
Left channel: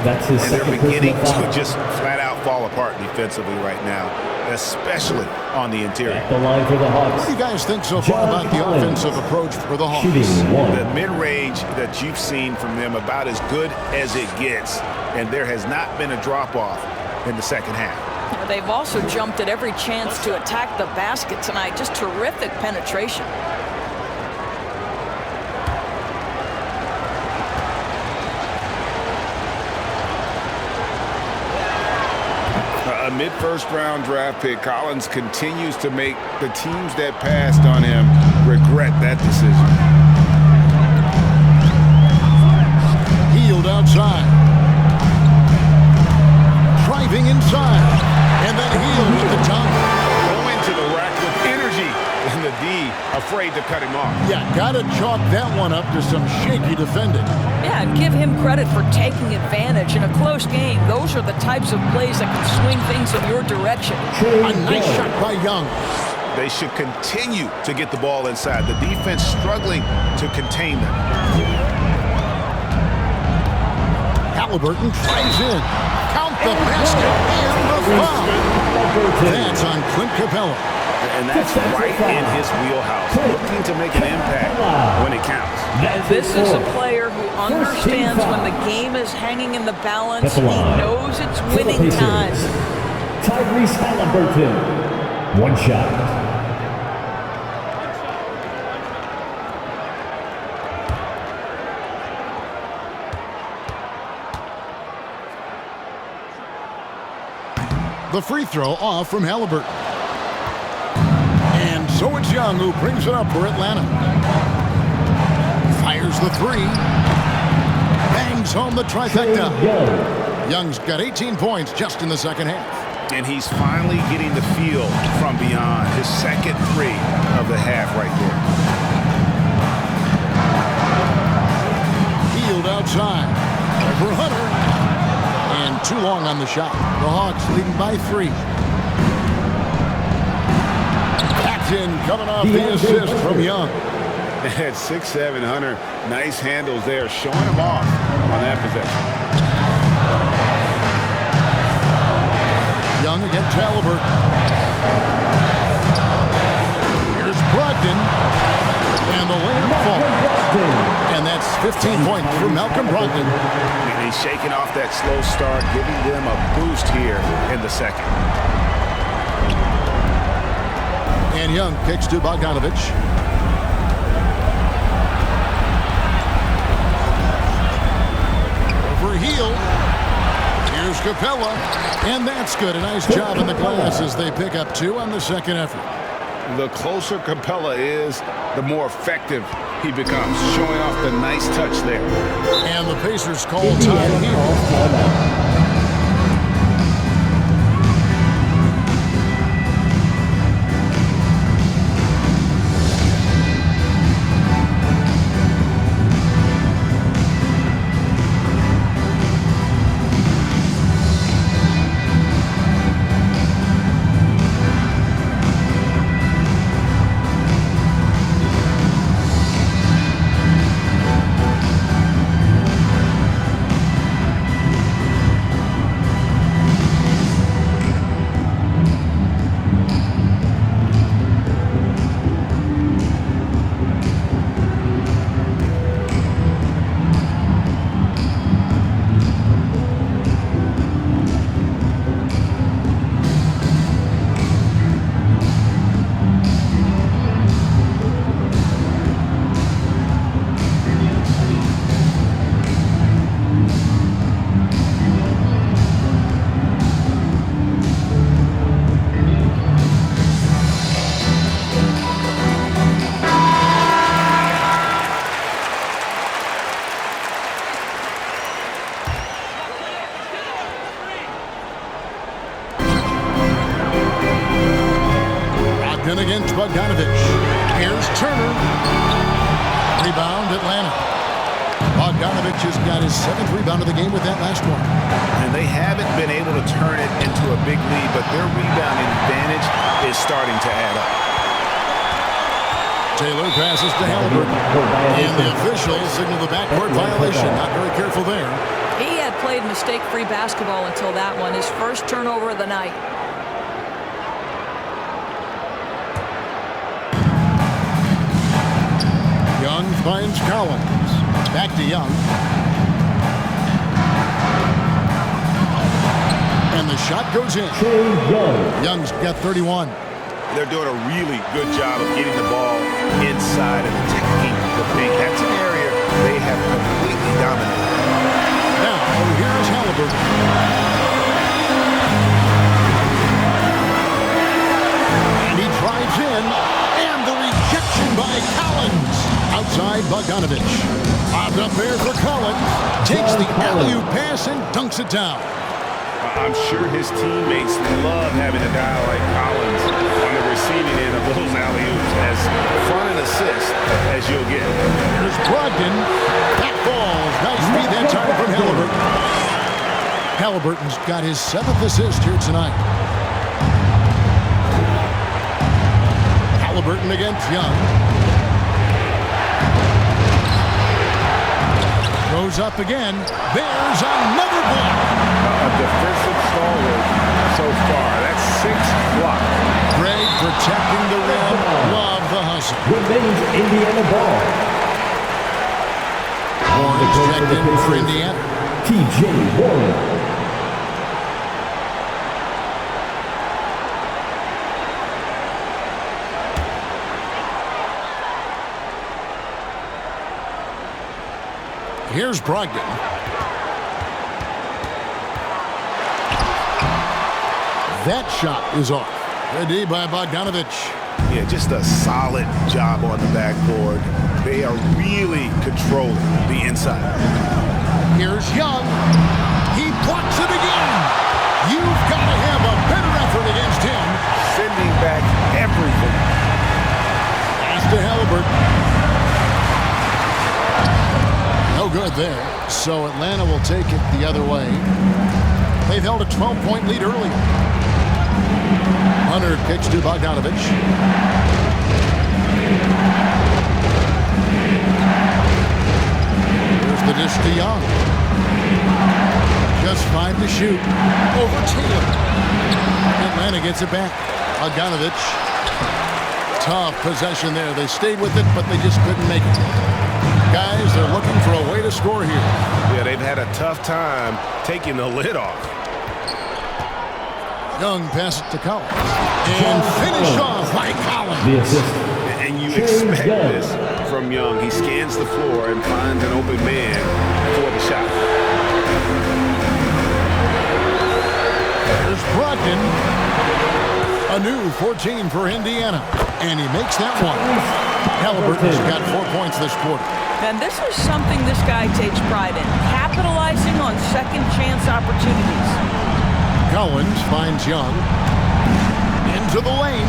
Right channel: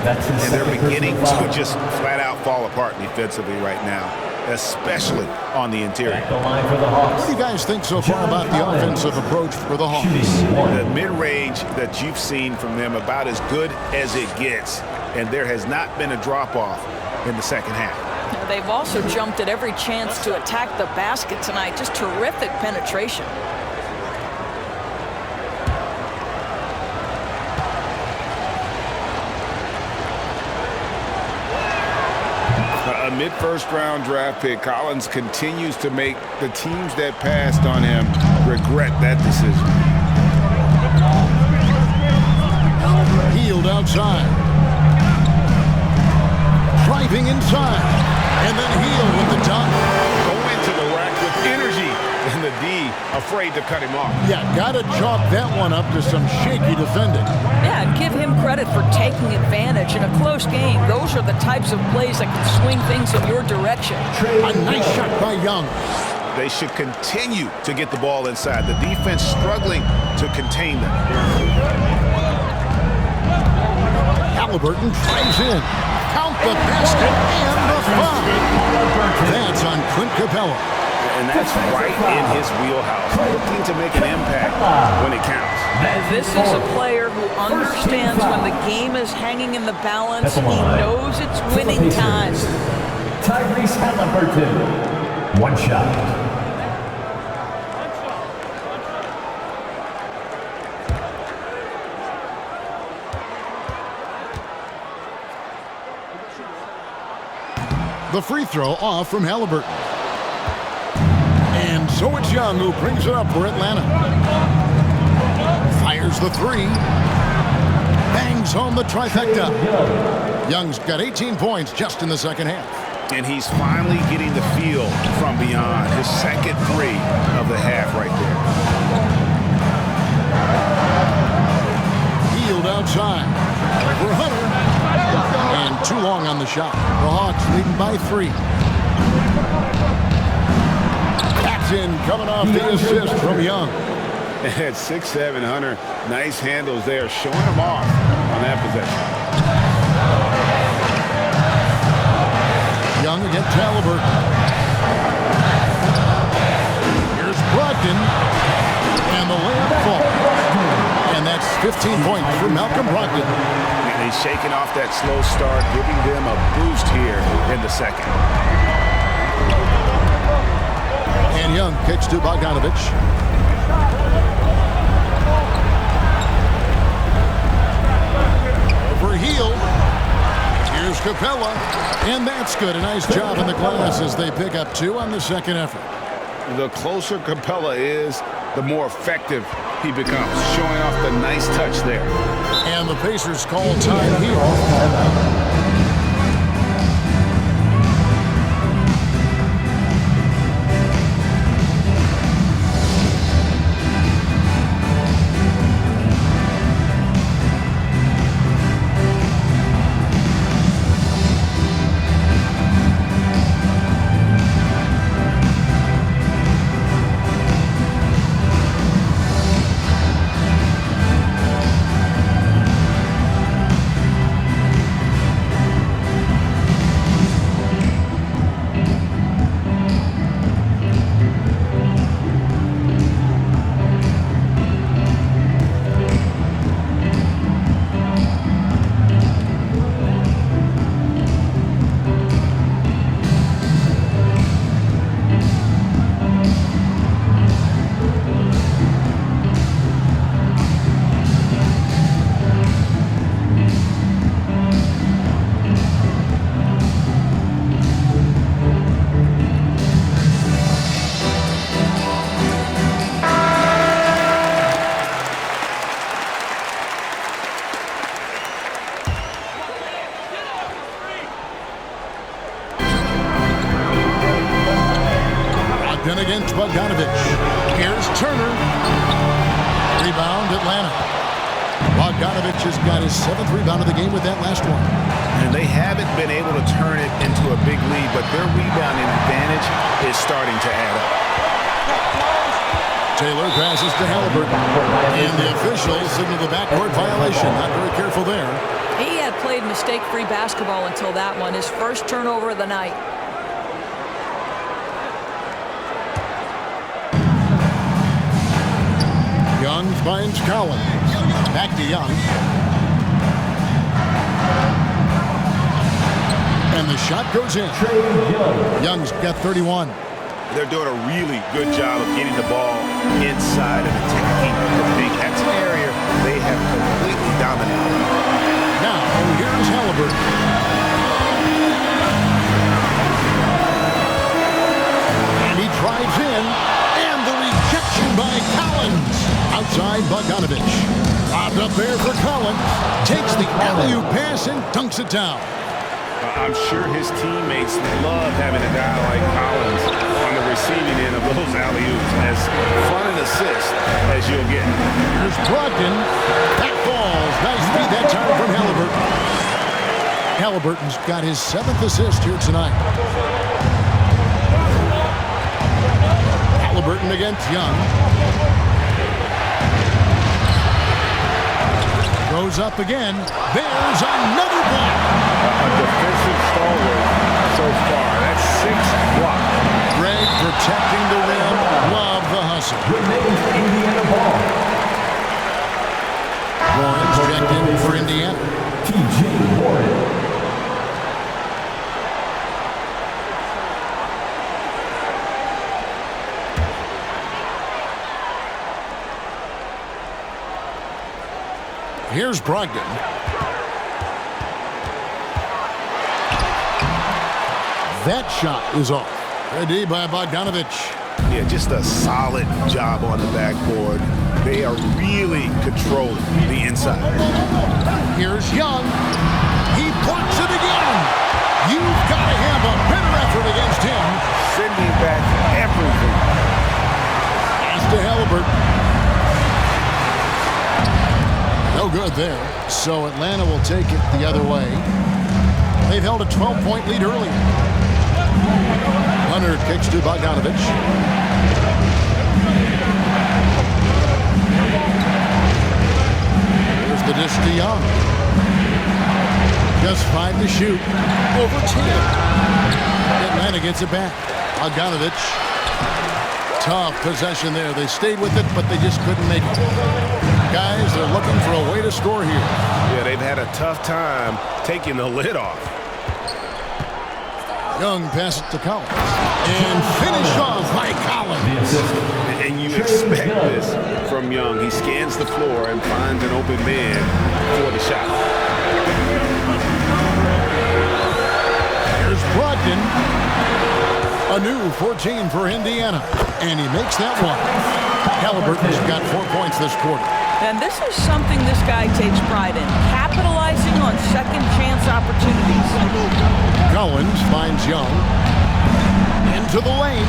That's his And they're second beginning personal to foul. just flat out fall apart defensively right now, especially on the interior. At the line for the Hawks. What do you guys think so far about the offensive approach for the Hawks? Shooting one. The mid-range that you've seen from them about as good as it gets, and there has not been a drop-off in the second half. Now, they've also jumped at every chance to attack the basket tonight. Just terrific penetration. A mid-first round draft pick, Collins continues to make the teams that passed on him regret that decision. Healed outside. Driving inside. And then Healed with the dunk. Going to the rack with energy, and the D afraid to cut him off. Yeah, got to chalk that one up to some shaky defending. Yeah, and give him credit for taking advantage in a close game. Those are the types of plays that can swing things in your direction. A nice shot by Young. They should continue to get the ball inside. The defense struggling to contain them. Halliburton drives in. Count the basket and the foul. That's on Clint Capella. And that's right in his wheelhouse, looking to make an impact when it counts. This is a player who understands when the game is hanging in the balance. He knows it's winning time. Tyrese Halliburton. One shot. The free throw off from Halliburton. And so it's Young who brings it up for Atlanta. Fires the three. Bangs home the trifecta. Young's got 18 points just in the second half. And he's finally getting the feel from beyond. His second three of the half right there. Healed outside. For Hunter. And too long on the shot. The Hawks leading by 3. Paxton coming off the assist from Young. At 6'7", Hunter, nice handles there, showing him off on that possession. Young against Halliburton. Here's Brogdon. And the layup falls. And that's 15 points for Malcolm Brogdon. And he's shaking off that slow start, giving them a boost here in the second. And Young kicks to Bogdanovich. Over Healed. Here's Capella. And that's good. A nice job in the glass as they pick up 2 on the second effort. The closer Capella is, the more effective he becomes, showing off the nice touch there. And the Pacers call time here. Brogdon against Bogdanovich. Here's Turner. Rebound, Atlanta. Bogdanovich has got his 7th rebound of the game with that last one. And they haven't been able to turn it into a big lead, but their rebounding advantage is starting to add up. Taylor passes to Halliburton. And the officials signal the backcourt violation. Not very careful there. He had played mistake-free basketball until that one. His first turnover of the night. Young finds Collins. Back to Young. And the shot goes in. Young's got 31. They're doing a really good job of getting the ball inside and attacking the paint. That's an area they have completely dominated. Now, here's Halliburton. And he drives in. And the rejection by Collins. Outside Bogdanovich. Lobbed up there for Collins. Takes the alley-oop pass and dunks it down. I'm sure his teammates love having a guy like Collins on the receiving end of those alley-oops. As fun an assist as you'll get. Here's Brogdon. That falls. Nice feed that time from Halliburton. Halliburton's got his 7th assist here tonight. Halliburton against Young. Goes up again. There's another block. A defensive stalwart so far. That's 6 blocks. Greg protecting the rim. Love the hustle. Remains Indiana ball. Warren's checked in for Indiana. TJ Warren. Here's Brogdon. That shot is off. Good D by Bogdanovich. Yeah, just a solid job on the backboard. They are really controlling the inside. Here's Young. He blocks it again. You've got to have a better effort against him. Sending back everything. Pass to Halliburton. No good there. So Atlanta will take it the other way. They've held a 12-point lead earlier. Hunter kicks to Bogdanovich. Here's the dish to Young. Just 5 to shoot. Over Taylor. Atlanta gets it back. Bogdanovich. Tough possession there. They stayed with it, but they just couldn't make it. Guys, they're looking for a way to score here. Yeah, they've had a tough time taking the lid off. Young passes to Collins. And finish off by Collins. The assist. And you expect this from Young. He scans the floor and finds an open man for the shot. Here's Brogdon. A new 14 for Indiana. And he makes that one. Halliburton's got 4 points this quarter. And this is something this guy takes pride in, capitalizing on second chance opportunities. Collins finds Young into the lane,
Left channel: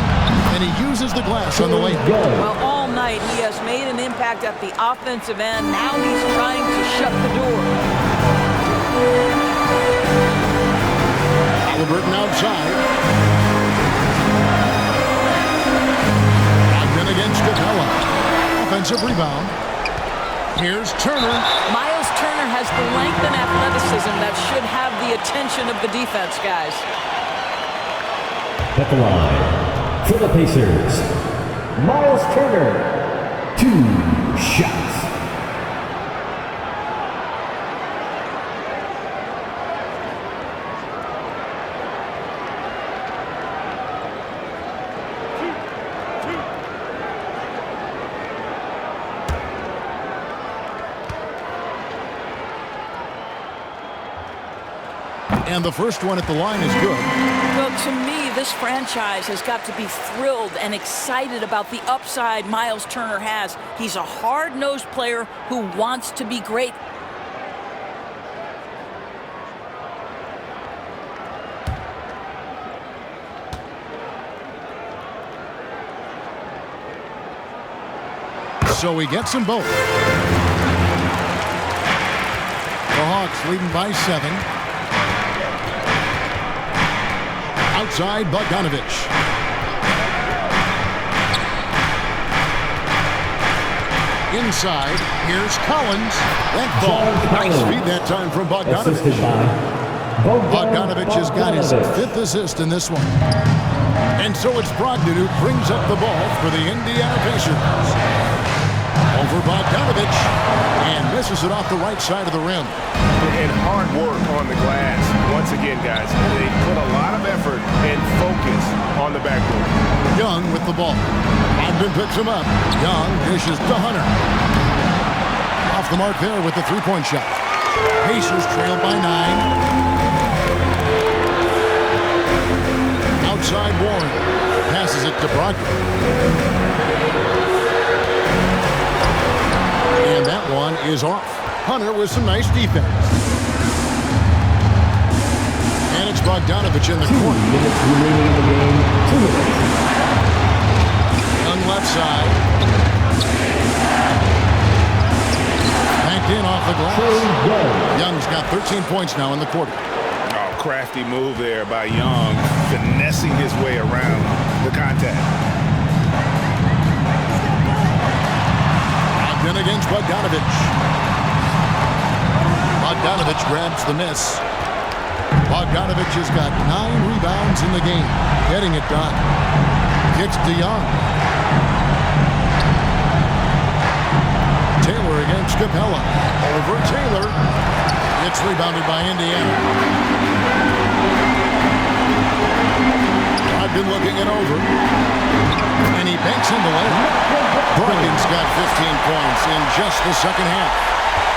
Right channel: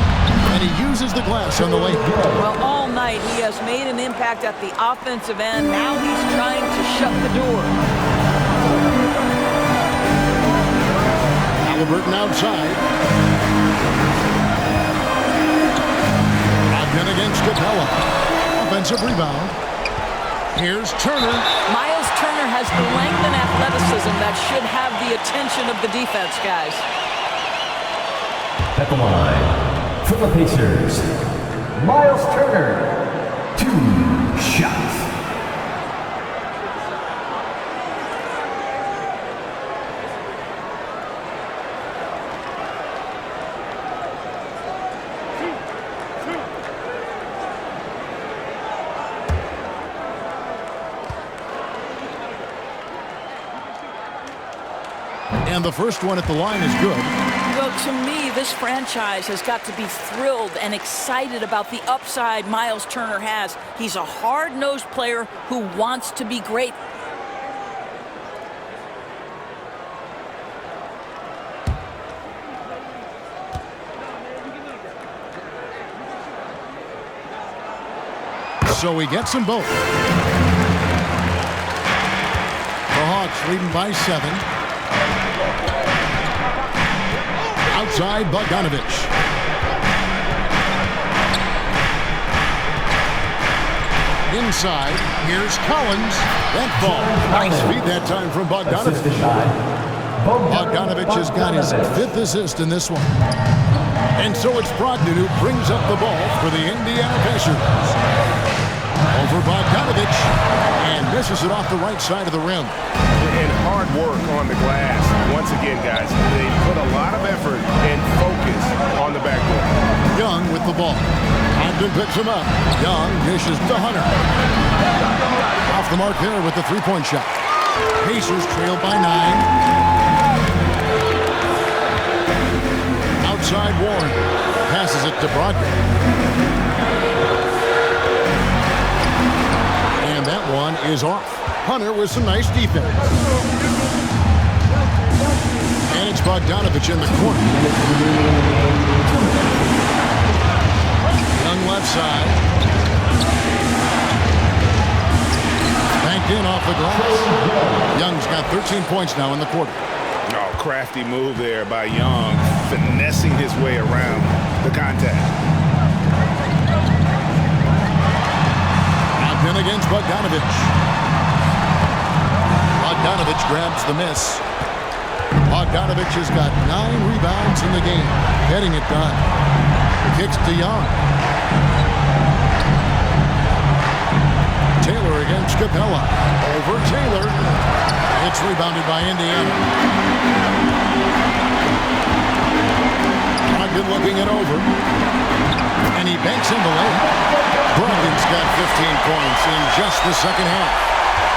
and he uses the glass on the lane. Well, all night he has made an impact at the offensive end. Now he's trying to shut the door. Halliburton outside. Brogdon against Capella. Offensive rebound. Here's Turner. Miles Turner has the length and athleticism that should have the attention of the defense, guys. At the line, for the Pacers, Miles Turner, 2 shots. And the first one at the line is good. Well, to me, this franchise has got to be thrilled and excited about the upside Miles Turner has. He's a hard-nosed player who wants to be great. So he gets them both. The Hawks leading by 7. Outside Bogdanovich. inside. Here's Collins. That ball. Nice feed that time from Bogdanovich. Bogdanovich has got his 5th assist in this one. And so it's Brogdon who brings up the ball for the Indiana Pacers. Over Bogdanovich, and misses it off the right side of the rim. And hard work on the glass. Once again, guys, they put a lot of effort and focus on the backboard. Young with the ball. Ogden picks him up. Young dishes to Hunter. Off the mark there with the three-point shot. Pacers trail by 9. Outside Warren. Passes it to Brogdon. And that one is off. Hunter with some nice defense. And it's Bogdanovich in the corner. 2 minutes remaining in the game. 2 minutes. Young left side. Banked in off the glass. Young's got 13 points now in the quarter. Oh, crafty move there by Young, finessing his way around the contact. Then against Bogdanovich. Bogdanovich grabs the miss. Bogdanovich has got 9 rebounds in the game, getting it done. Kicks to Young. Taylor against Capella. Over Taylor. It's rebounded by Indiana. Brogdon looking it over. And he banks in the layup. Brogdon's got 15 points in just the second half.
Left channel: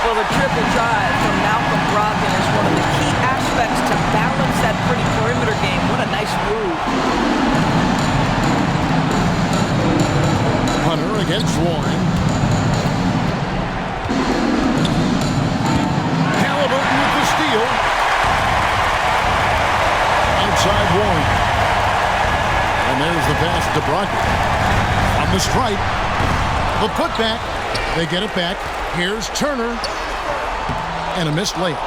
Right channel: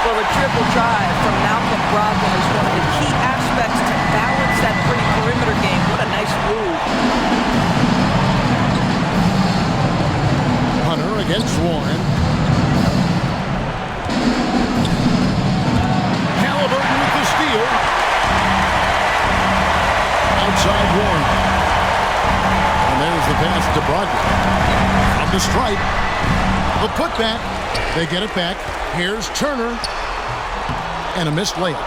Well, the triple drive from Malcolm Brogdon is one of the key aspects to balance that pretty perimeter game. What a nice move. Hunter against Warren. Halliburton with the steal. Outside Warren. And there's the pass to Brogdon. From the stripe. The putback. They get it back. Here's Turner. And a missed layup.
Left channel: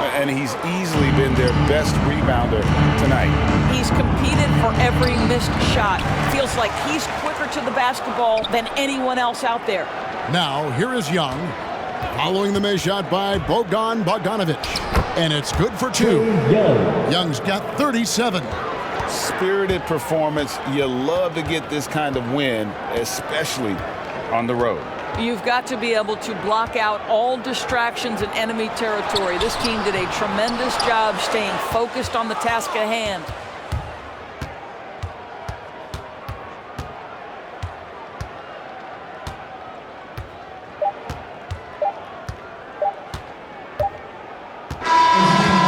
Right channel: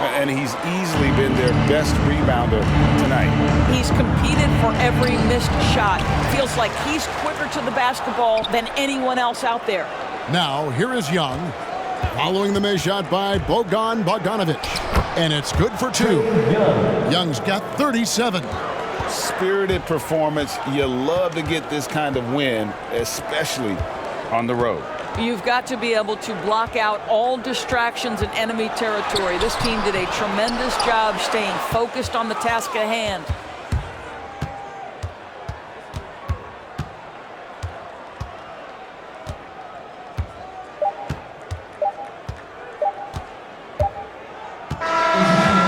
And he's easily been their best rebounder tonight. He's competed for every missed shot. Feels like he's quicker to the basketball than anyone else out there. Now, here is Young. Following the missed shot by Bogdanovich. And it's good for 2. Young's got 37. Spirited performance. You love to get this kind of win, especially on the road. You've got to be able to block out all distractions in enemy territory. This team did a tremendous job staying focused on the task at hand.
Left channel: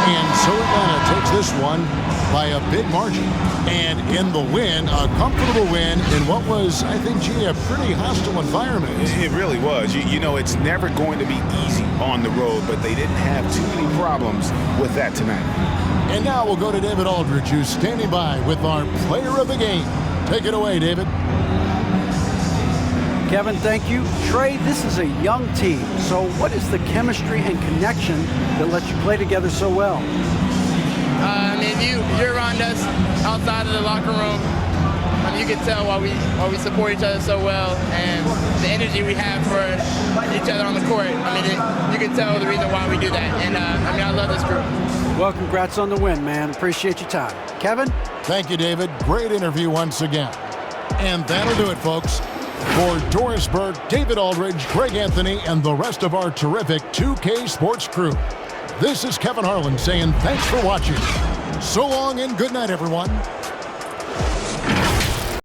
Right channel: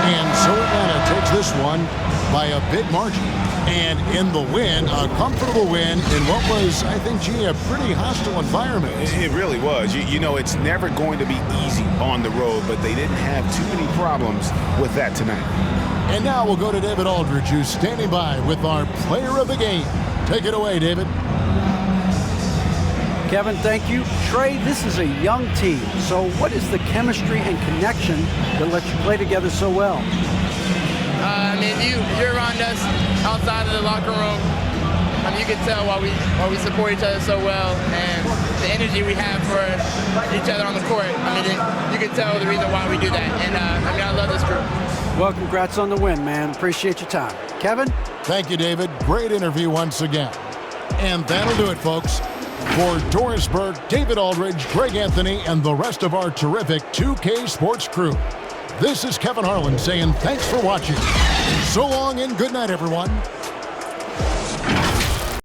And so Atlanta takes this one by a big margin. And in the win, a comfortable win in what was, I think, gee, a pretty hostile environment. It really was. You know, it's never going to be easy on the road, but they didn't have too many problems with that tonight. And now we'll go to David Aldridge, who's standing by with our player of the game. Take it away, David. Kevin, thank you. Trey, this is a young team. So what is the chemistry and connection that lets you play together so well? I mean, if you're around us outside of the locker room, you can tell why we support each other so well, and the energy we have for each other on the court. I mean, you can tell the reason why we do that. And I mean, I love this group. Well, congrats on the win, man. Appreciate your time. Kevin? Thank you, David. Great interview once again. And that'll do it, folks. For Doris Burke, David Aldridge, Greg Anthony, and the rest of our terrific 2K Sports crew, this is Kevin Harlan saying thanks for watching. So long and good night, everyone.